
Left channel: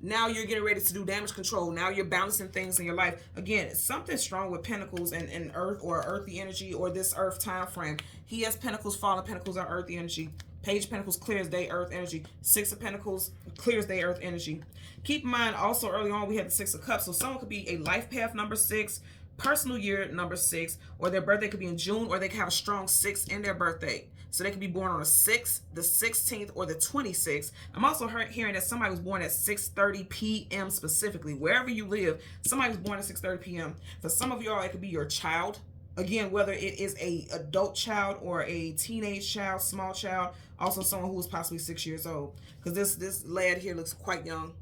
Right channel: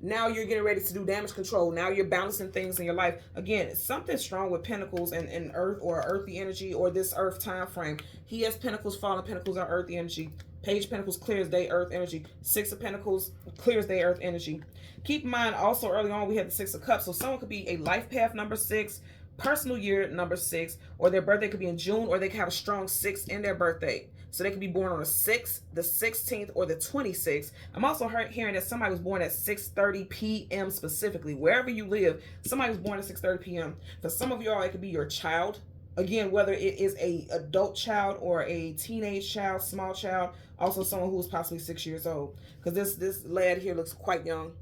Now you're getting ready to do damage control. Now you're balancing things in your life. Again, something strong with Pentacles and Earth or earthy energy or this Earth time frame. He has Pentacles, Fallen Pentacles are earthy energy. Page of Pentacles clears day Earth energy. Six of Pentacles clears day Earth energy. Keep in mind, also early on, we had the Six of Cups. So someone could be a life path number 6, personal year number 6, or their birthday could be in June, or they could have a strong 6 in their birthday. So they could be born on the 6th, the 16th, or the 26th. I'm also hearing that somebody was born at 6:30 p.m. specifically. Wherever you live, somebody was born at 6:30 p.m. For some of y'all, it could be your child. Again, whether it is a adult child or a teenage child, small child, also someone who is possibly 6 years old. Because this lad here looks quite young.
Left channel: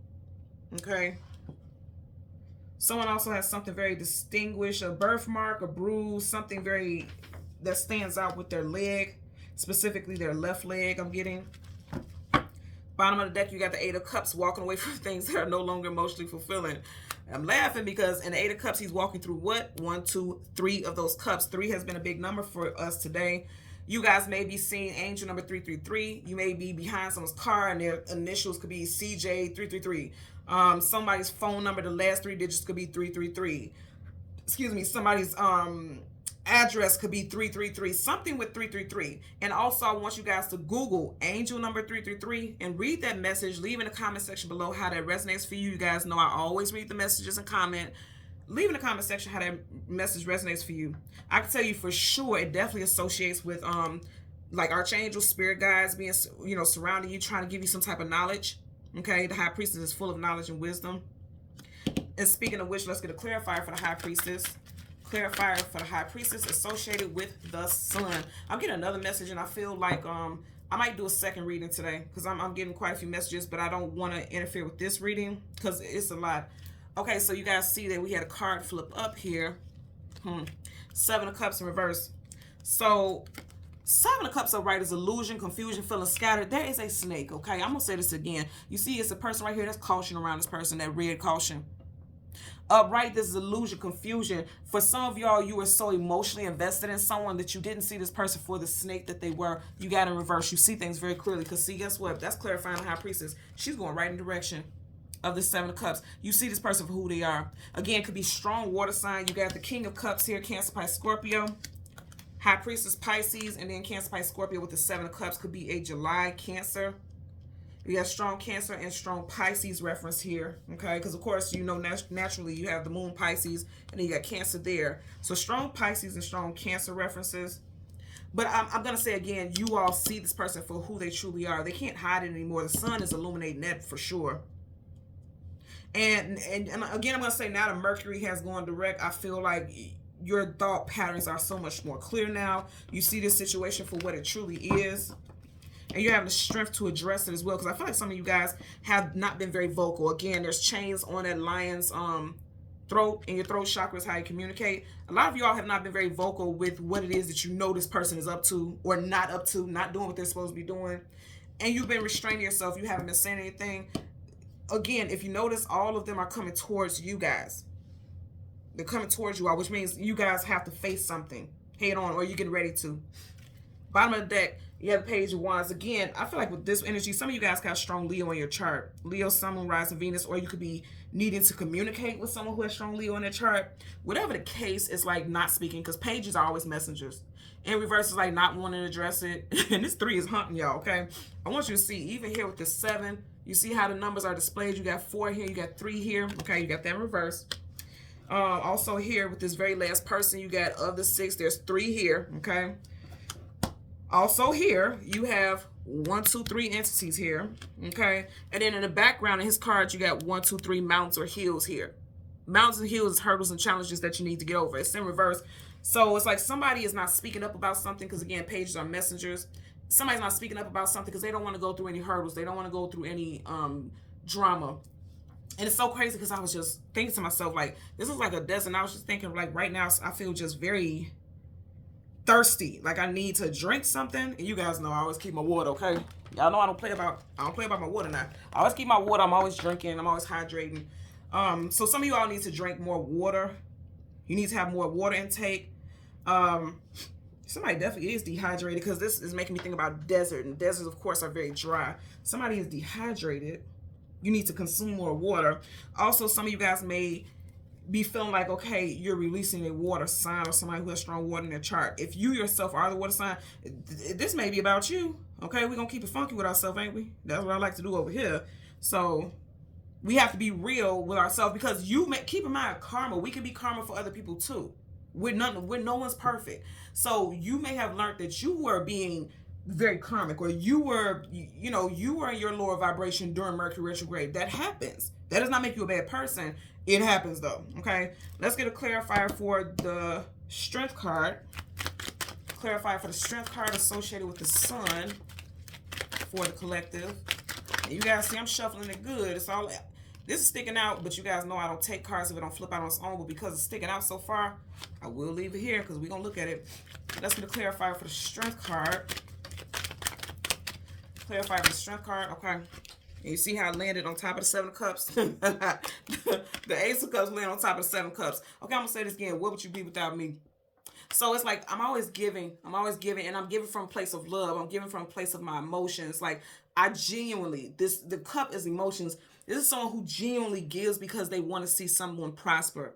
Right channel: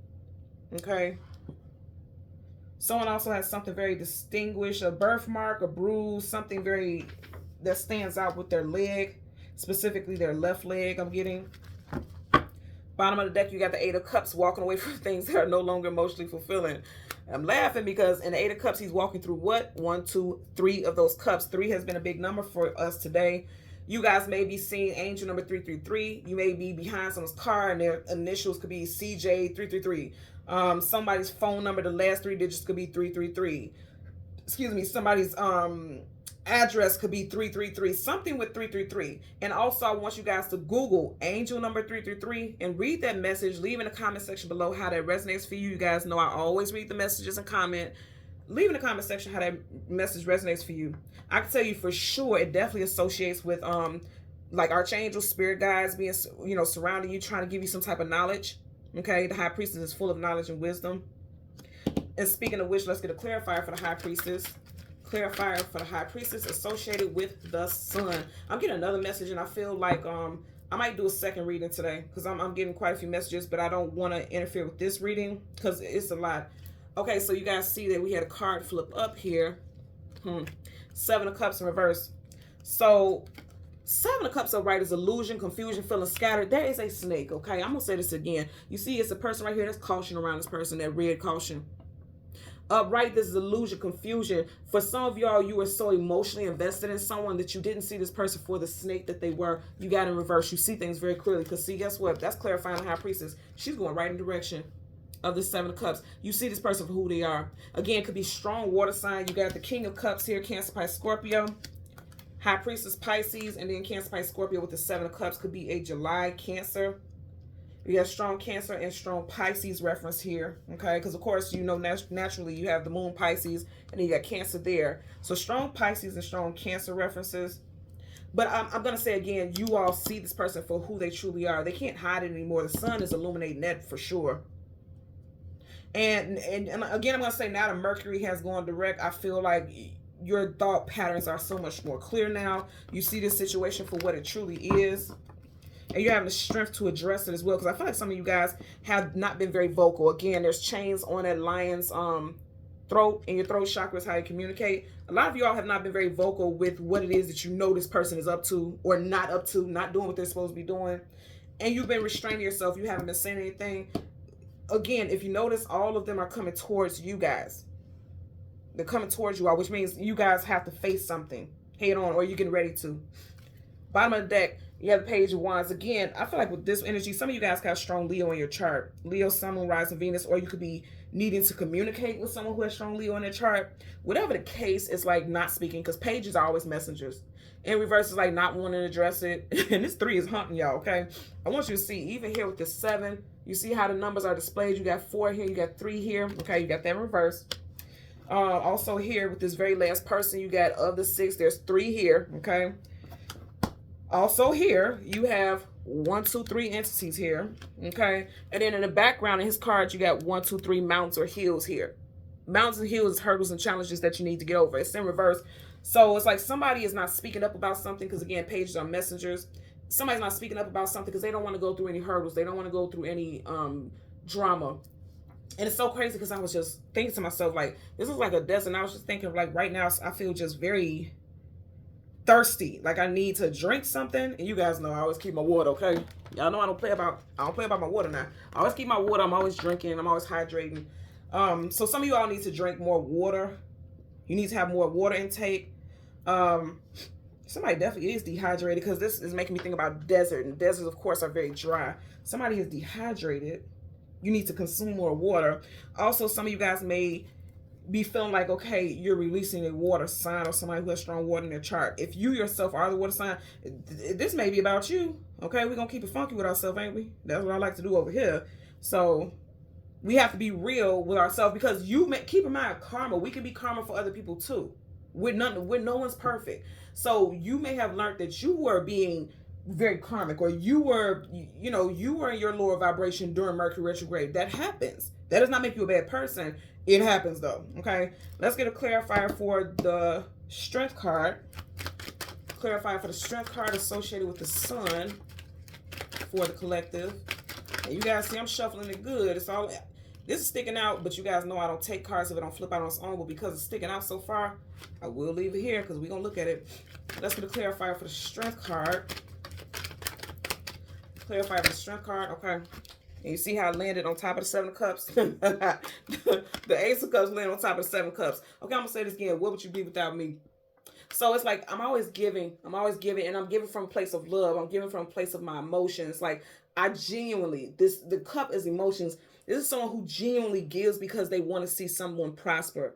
Okay. Someone also has something very distinguished, a birthmark, a bruise, something very that stands out with their leg, specifically their left leg. I'm getting. Bottom of the deck, you got the Eight of Cups, walking away from things that are no longer emotionally fulfilling. I'm laughing because in the Eight of Cups, he's walking through what? 1, 2, 3 of those cups. 3 has been a big number for us today. You guys may be seeing angel number 333. You may be behind someone's car and their initials could be CJ333. Somebody's phone number, the last 3 digits could be 333. Excuse me, somebody's address could be 333, something with 333. And also I want you guys to Google angel number 333 and read that message. Leave in the comment section below how that resonates for you. You guys know I always read the messages and comment. Leave in the comment section how that message resonates for you. I can tell you for sure it definitely associates with like archangels, spirit guides being, you know, surrounding you, trying to give you some type of knowledge. Okay, the High Priestess is full of knowledge and wisdom. And speaking of which, let's get a clarifier for the High Priestess. Clarifier for the High Priestess associated with the Sun. I'm getting another message, and I feel like I might do a second reading today because I'm getting quite a few messages, but I don't want to interfere with this reading because it's a lot. Okay, so you guys see that we had a card flip up here. Seven of Cups in reverse. So Seven of Cups upright is illusion, confusion, feeling scattered. There is a snake, okay? I'm going to say this again. You see it's a person right here. That's caution around this person, that red caution. Upright, this is illusion, confusion. For some of y'all, you were so emotionally invested in someone that you didn't see this person for the snake that they were. You got in reverse. You see things very clearly. Because see, guess what? That's clarifying High Priestess. She's going right in the direction of the Seven of Cups. You see this person for who they are. Again, it could be strong water sign. You got the King of Cups here, Cancer, Pisces, Scorpio. High Priestess, Pisces, and then Cancer, Pisces, Scorpio with the Seven of Cups could be a July Cancer. You got strong Cancer and strong Pisces reference here, okay? Because, of course, you know, naturally you have the Moon Pisces, and then you got Cancer there. So strong Pisces and strong Cancer references. But I'm going to say again, you all see this person for who they truly are. They can't hide it anymore. The sun is illuminating that for sure. And again, I'm going to say now that Mercury has gone direct, I feel like your thought patterns are so much more clear now. You see this situation for what it truly is. And you're having the strength to address it as well. Because I feel like some of you guys have not been very vocal. Again, there's chains on that lion's throat. And your throat chakra is how you communicate. A lot of y'all have not been very vocal with what it is that you know this person is up to. Or not up to. Not doing what they're supposed to be doing. And you've been restraining yourself. You haven't been saying anything. Again, if you notice, all of them are coming towards you guys. They're coming towards you all. Which means you guys have to face something head on. Or you're getting ready to. Bottom of the deck. You have the Page of Wands. Again, I feel like with this energy, some of you guys got strong Leo in your chart. Leo, Sun, Moon, Rising, Venus, or you could be needing to communicate with someone who has strong Leo in their chart. Whatever the case, it's like not speaking because pages are always messengers. In reverse is like not wanting to address it. And this 3 is hunting y'all, okay? I want you to see, even here with the 7, you see how the numbers are displayed. You got 4 here, you got 3 here. Okay, you got that in reverse. Also here with this very last person, you got of the 6, there's 3 here, okay? Also here, you have 1, 2, 3 entities here, okay? And then in the background in his card, you got 1, 2, 3 mountains or hills here. Mountains and hills is hurdles and challenges that you need to get over. It's in reverse. So it's like somebody is not speaking up about something because, again, pages are messengers. Somebody's not speaking up about something because they don't want to go through any hurdles. They don't want to go through any drama. And it's so crazy because I was just thinking to myself, like, this is like a desert. And I was just thinking, like, right now, I feel just very thirsty, like I need to drink something. And you guys know I always keep my water, okay? Y'all know I don't play about my water now. I always keep my water. I'm always drinking. I'm always hydrating. So some of you all need to drink more water. You need to have more water intake. Somebody definitely is dehydrated because this is making me think about desert, and deserts of course are very dry. Somebody is dehydrated. You need to consume more water. Also, some of you guys may be feeling like, okay, you're releasing a water sign or somebody who has strong water in their chart. If you yourself are the water sign, this may be about you. Okay, we're gonna keep it funky with ourselves, ain't we? That's what I like to do over here. So we have to be real with ourselves because keep in mind, karma, we can be karma for other people too. No one's perfect. So you may have learned that you were being very karmic, or you were in your lower vibration during Mercury retrograde. That happens. That does not make you a bad person. It happens though. Okay, let's get a clarifier for the strength card. Clarifier for the strength card associated with the sun for the collective. And you guys see I'm shuffling it good. This is sticking out, but you guys know I don't take cards if it don't flip out on its own. But because it's sticking out so far, I will leave it here because we're gonna look at it. Let's get a clarifier for the strength card. Clarify for the strength card. Okay. And you see how it landed on top of the 7 of Cups? The Ace of Cups landed on top of the 7 Cups. Okay, I'm going to say this again. What would you be without me? So it's like I'm always giving. And I'm giving from a place of love. I'm giving from a place of my emotions. Like I genuinely, the cup is emotions. This is someone who genuinely gives because they want to see someone prosper.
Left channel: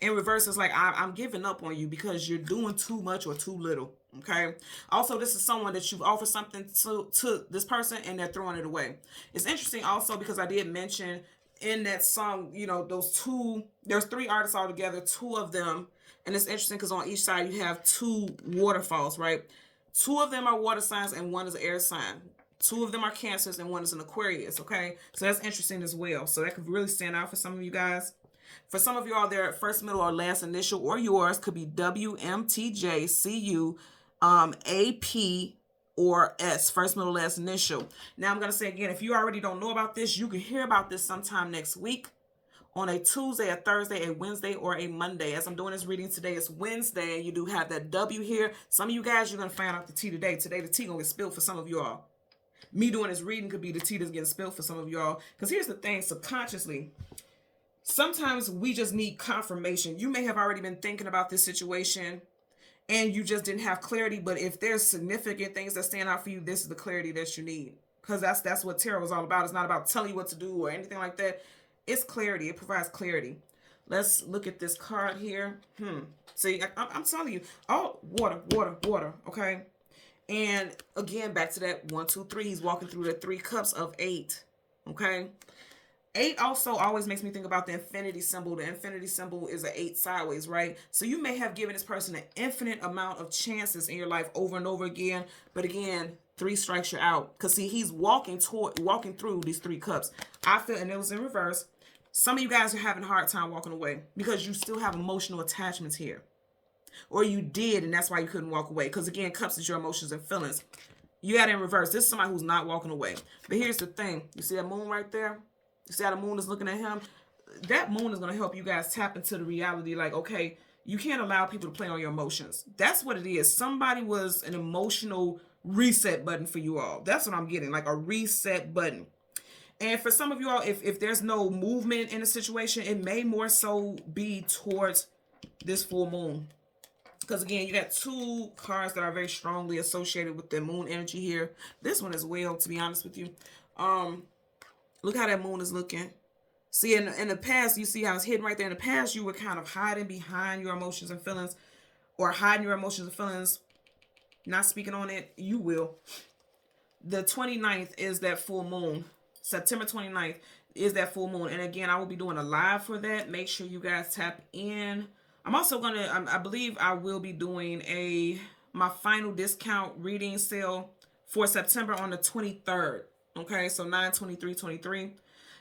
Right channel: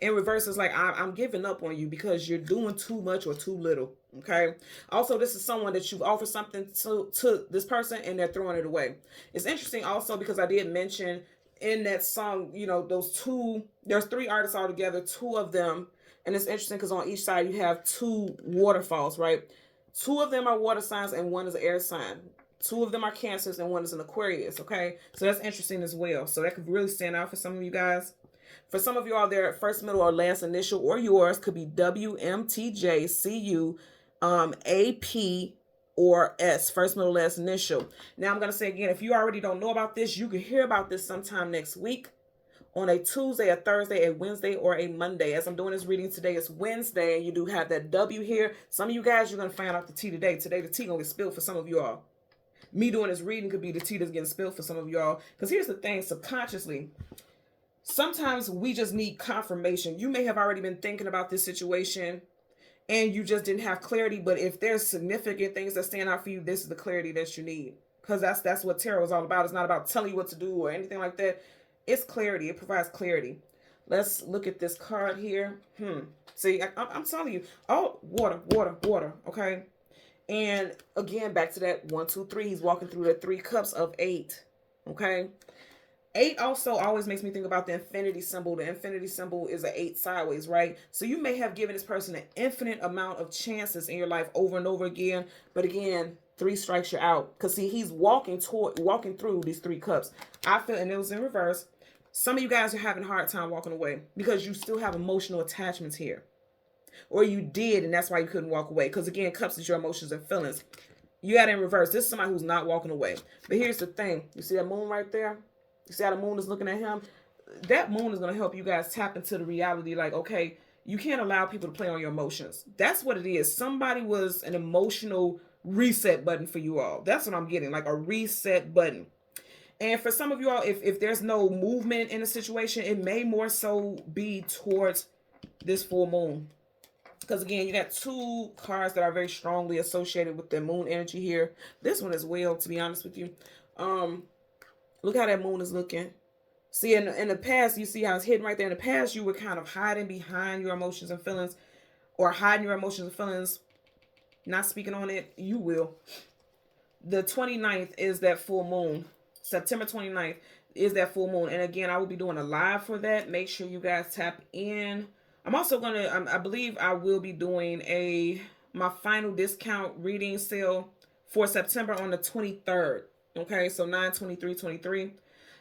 In reverse, it's like I'm giving up on you because you're doing too much or too little. Okay. Also, this is someone that you've offered something to this person and they're throwing it away. It's interesting also because I did mention in that song, there's 3 artists all together, 2 of them. And it's interesting because on each side you have 2 waterfalls, right? 2 of them are water signs and 1 is an air sign. 2 of them are Cancers and 1 is an Aquarius. Okay. So that's interesting as well. So that could really stand out for some of you guys. For some of you all, their first, middle, or last initial, or yours could be W, M, T, J, C, U, AP, or S, first, middle, last initial. Now I'm going to say again, if you already don't know about this, you can hear about this sometime next week on a Tuesday, a Thursday, a Wednesday, or a Monday. As I'm doing this reading today, it's Wednesday, and you do have that W here. Some of you guys, you're going to find out the T today. Today, the T going to get spilled for some of you all. Me doing this reading could be the tea that's getting spilled for some of y'all. Because here's the thing, subconsciously, sometimes we just need confirmation. You may have already been thinking about this situation and you just didn't have clarity. But if there's significant things that stand out for you, this is the clarity that you need. Because that's what tarot is all about. It's not about telling you what to do or anything like that. It's clarity. It provides clarity. Let's look at this card here. See, I'm telling you. Oh, water, water, water. Okay. And again, back to that 1, 2, 3. He's walking through the 3 cups of 8. Okay. 8 also always makes me think about the infinity symbol. The infinity symbol is an 8 sideways, right? So you may have given this person an infinite amount of chances in your life over and over again. But again, 3 strikes you out. Because see, he's walking through these 3 cups. I feel, and it was in reverse. Some of you guys are having a hard time walking away because you still have emotional attachments here. Or you did, and that's why you couldn't walk away. Because again, cups is your emotions and feelings. You got it in reverse. This is somebody who's not walking away. But here's the thing. You see that moon right there? You see how the moon is looking at him? That moon is going to help you guys tap into the reality. Like, okay, you can't allow people to play on your emotions. That's what it is. Somebody was an emotional reset button for you all. That's what I'm getting. Like a reset button. And for some of you all, if there's no movement in the situation, it may more so be towards this full moon. Because again, you got 2 cards that are very strongly associated with the moon energy here. This one as well, to be honest with you. Look how that moon is looking. See, in the past, you see how it's hidden right there. In the past, you were kind of hiding behind your emotions and feelings. Or hiding your emotions and feelings. Not speaking on it. You will. The 29th is that full moon. September 29th is that full moon. And again, I will be doing a live for that. Make sure you guys tap in. I'm also going to, I believe I will be doing my final discount reading sale for September on the 23rd. Okay, so 9/23/23.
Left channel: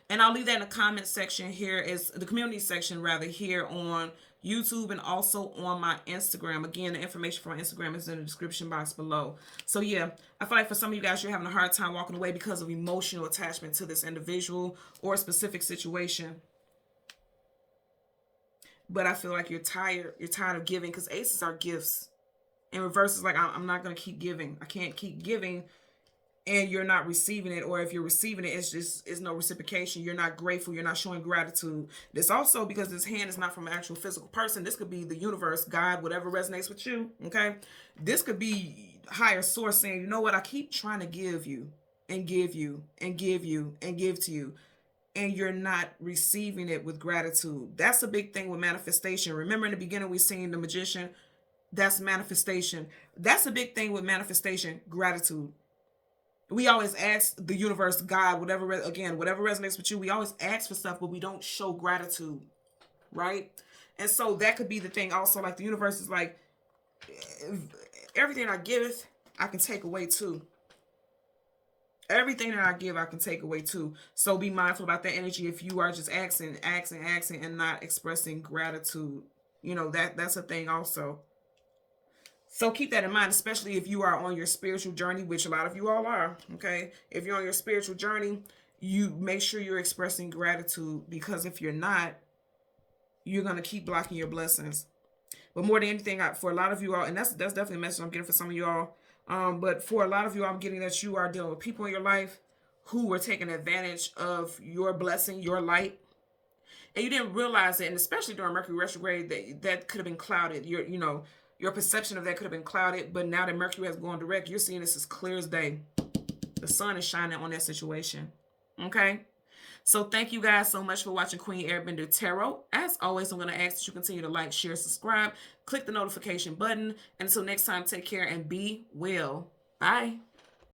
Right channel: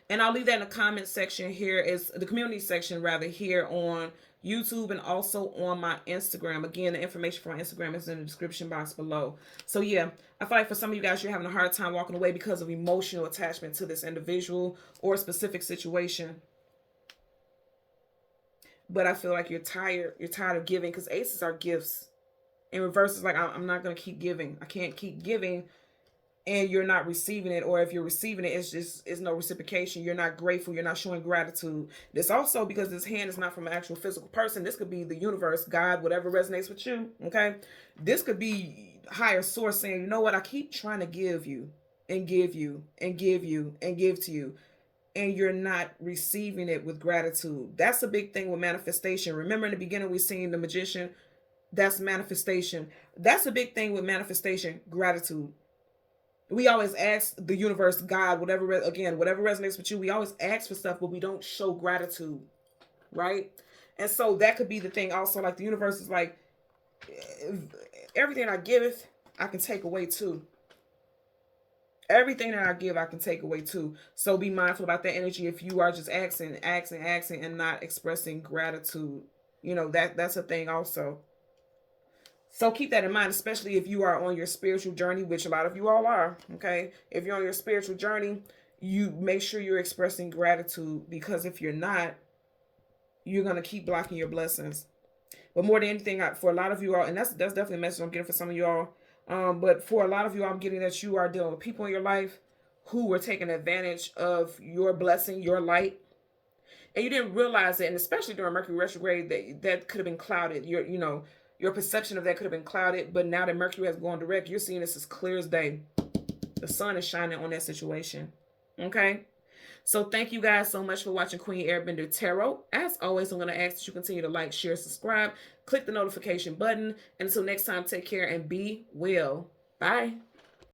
And I'll leave that in the comment section here, is the community section rather, here on YouTube and also on my Instagram. Again, the information for my Instagram is in the description box below. So yeah, I feel like for some of you guys, you're having a hard time walking away because of emotional attachment to this individual or specific situation. But I feel like you're tired. You're tired of giving, because aces are gifts. In reverse, it's like, I'm not going to keep giving. I can't keep giving and you're not receiving it. Or if you're receiving it, it's no reciprocation. You're not grateful. You're not showing gratitude. This also, because this hand is not from an actual physical person. This could be the universe, God, whatever resonates with you. Okay. This could be higher source saying, you know what? I keep trying to give you and give you and give you and give to you, and you're not receiving it with gratitude. That's a big thing with manifestation. Remember in the beginning, we seen the magician. That's manifestation. That's a big thing with manifestation, gratitude. We always ask the universe, God, whatever resonates with you. We always ask for stuff, but we don't show gratitude, right? And so that could be the thing also. Like the universe is like, everything I give, I can take away too. Everything that I give, I can take away too. So be mindful about that energy. If you are just asking, and not expressing gratitude, you know, that's a thing also. So keep that in mind, especially if you are on your spiritual journey, which a lot of you all are, okay? If you're on your spiritual journey, you make sure you're expressing gratitude, because if you're not, you're going to keep blocking your blessings. But more than anything, for a lot of you all, and that's definitely a message I'm getting for some of y'all, but for a lot of you, I'm getting that you are dealing with people in your life who were taking advantage of your blessing, your light, and you didn't realize it. And especially during Mercury retrograde, that could have been clouded. Your perception of that could have been clouded. But now that Mercury has gone direct, you're seeing this as clear as day. The sun is shining on that situation. Okay. So thank you guys so much for watching Queen Airbender Tarot. As always, I'm going to ask that you continue to like, share, subscribe, click the notification button. And until next time, take care and be well. Bye.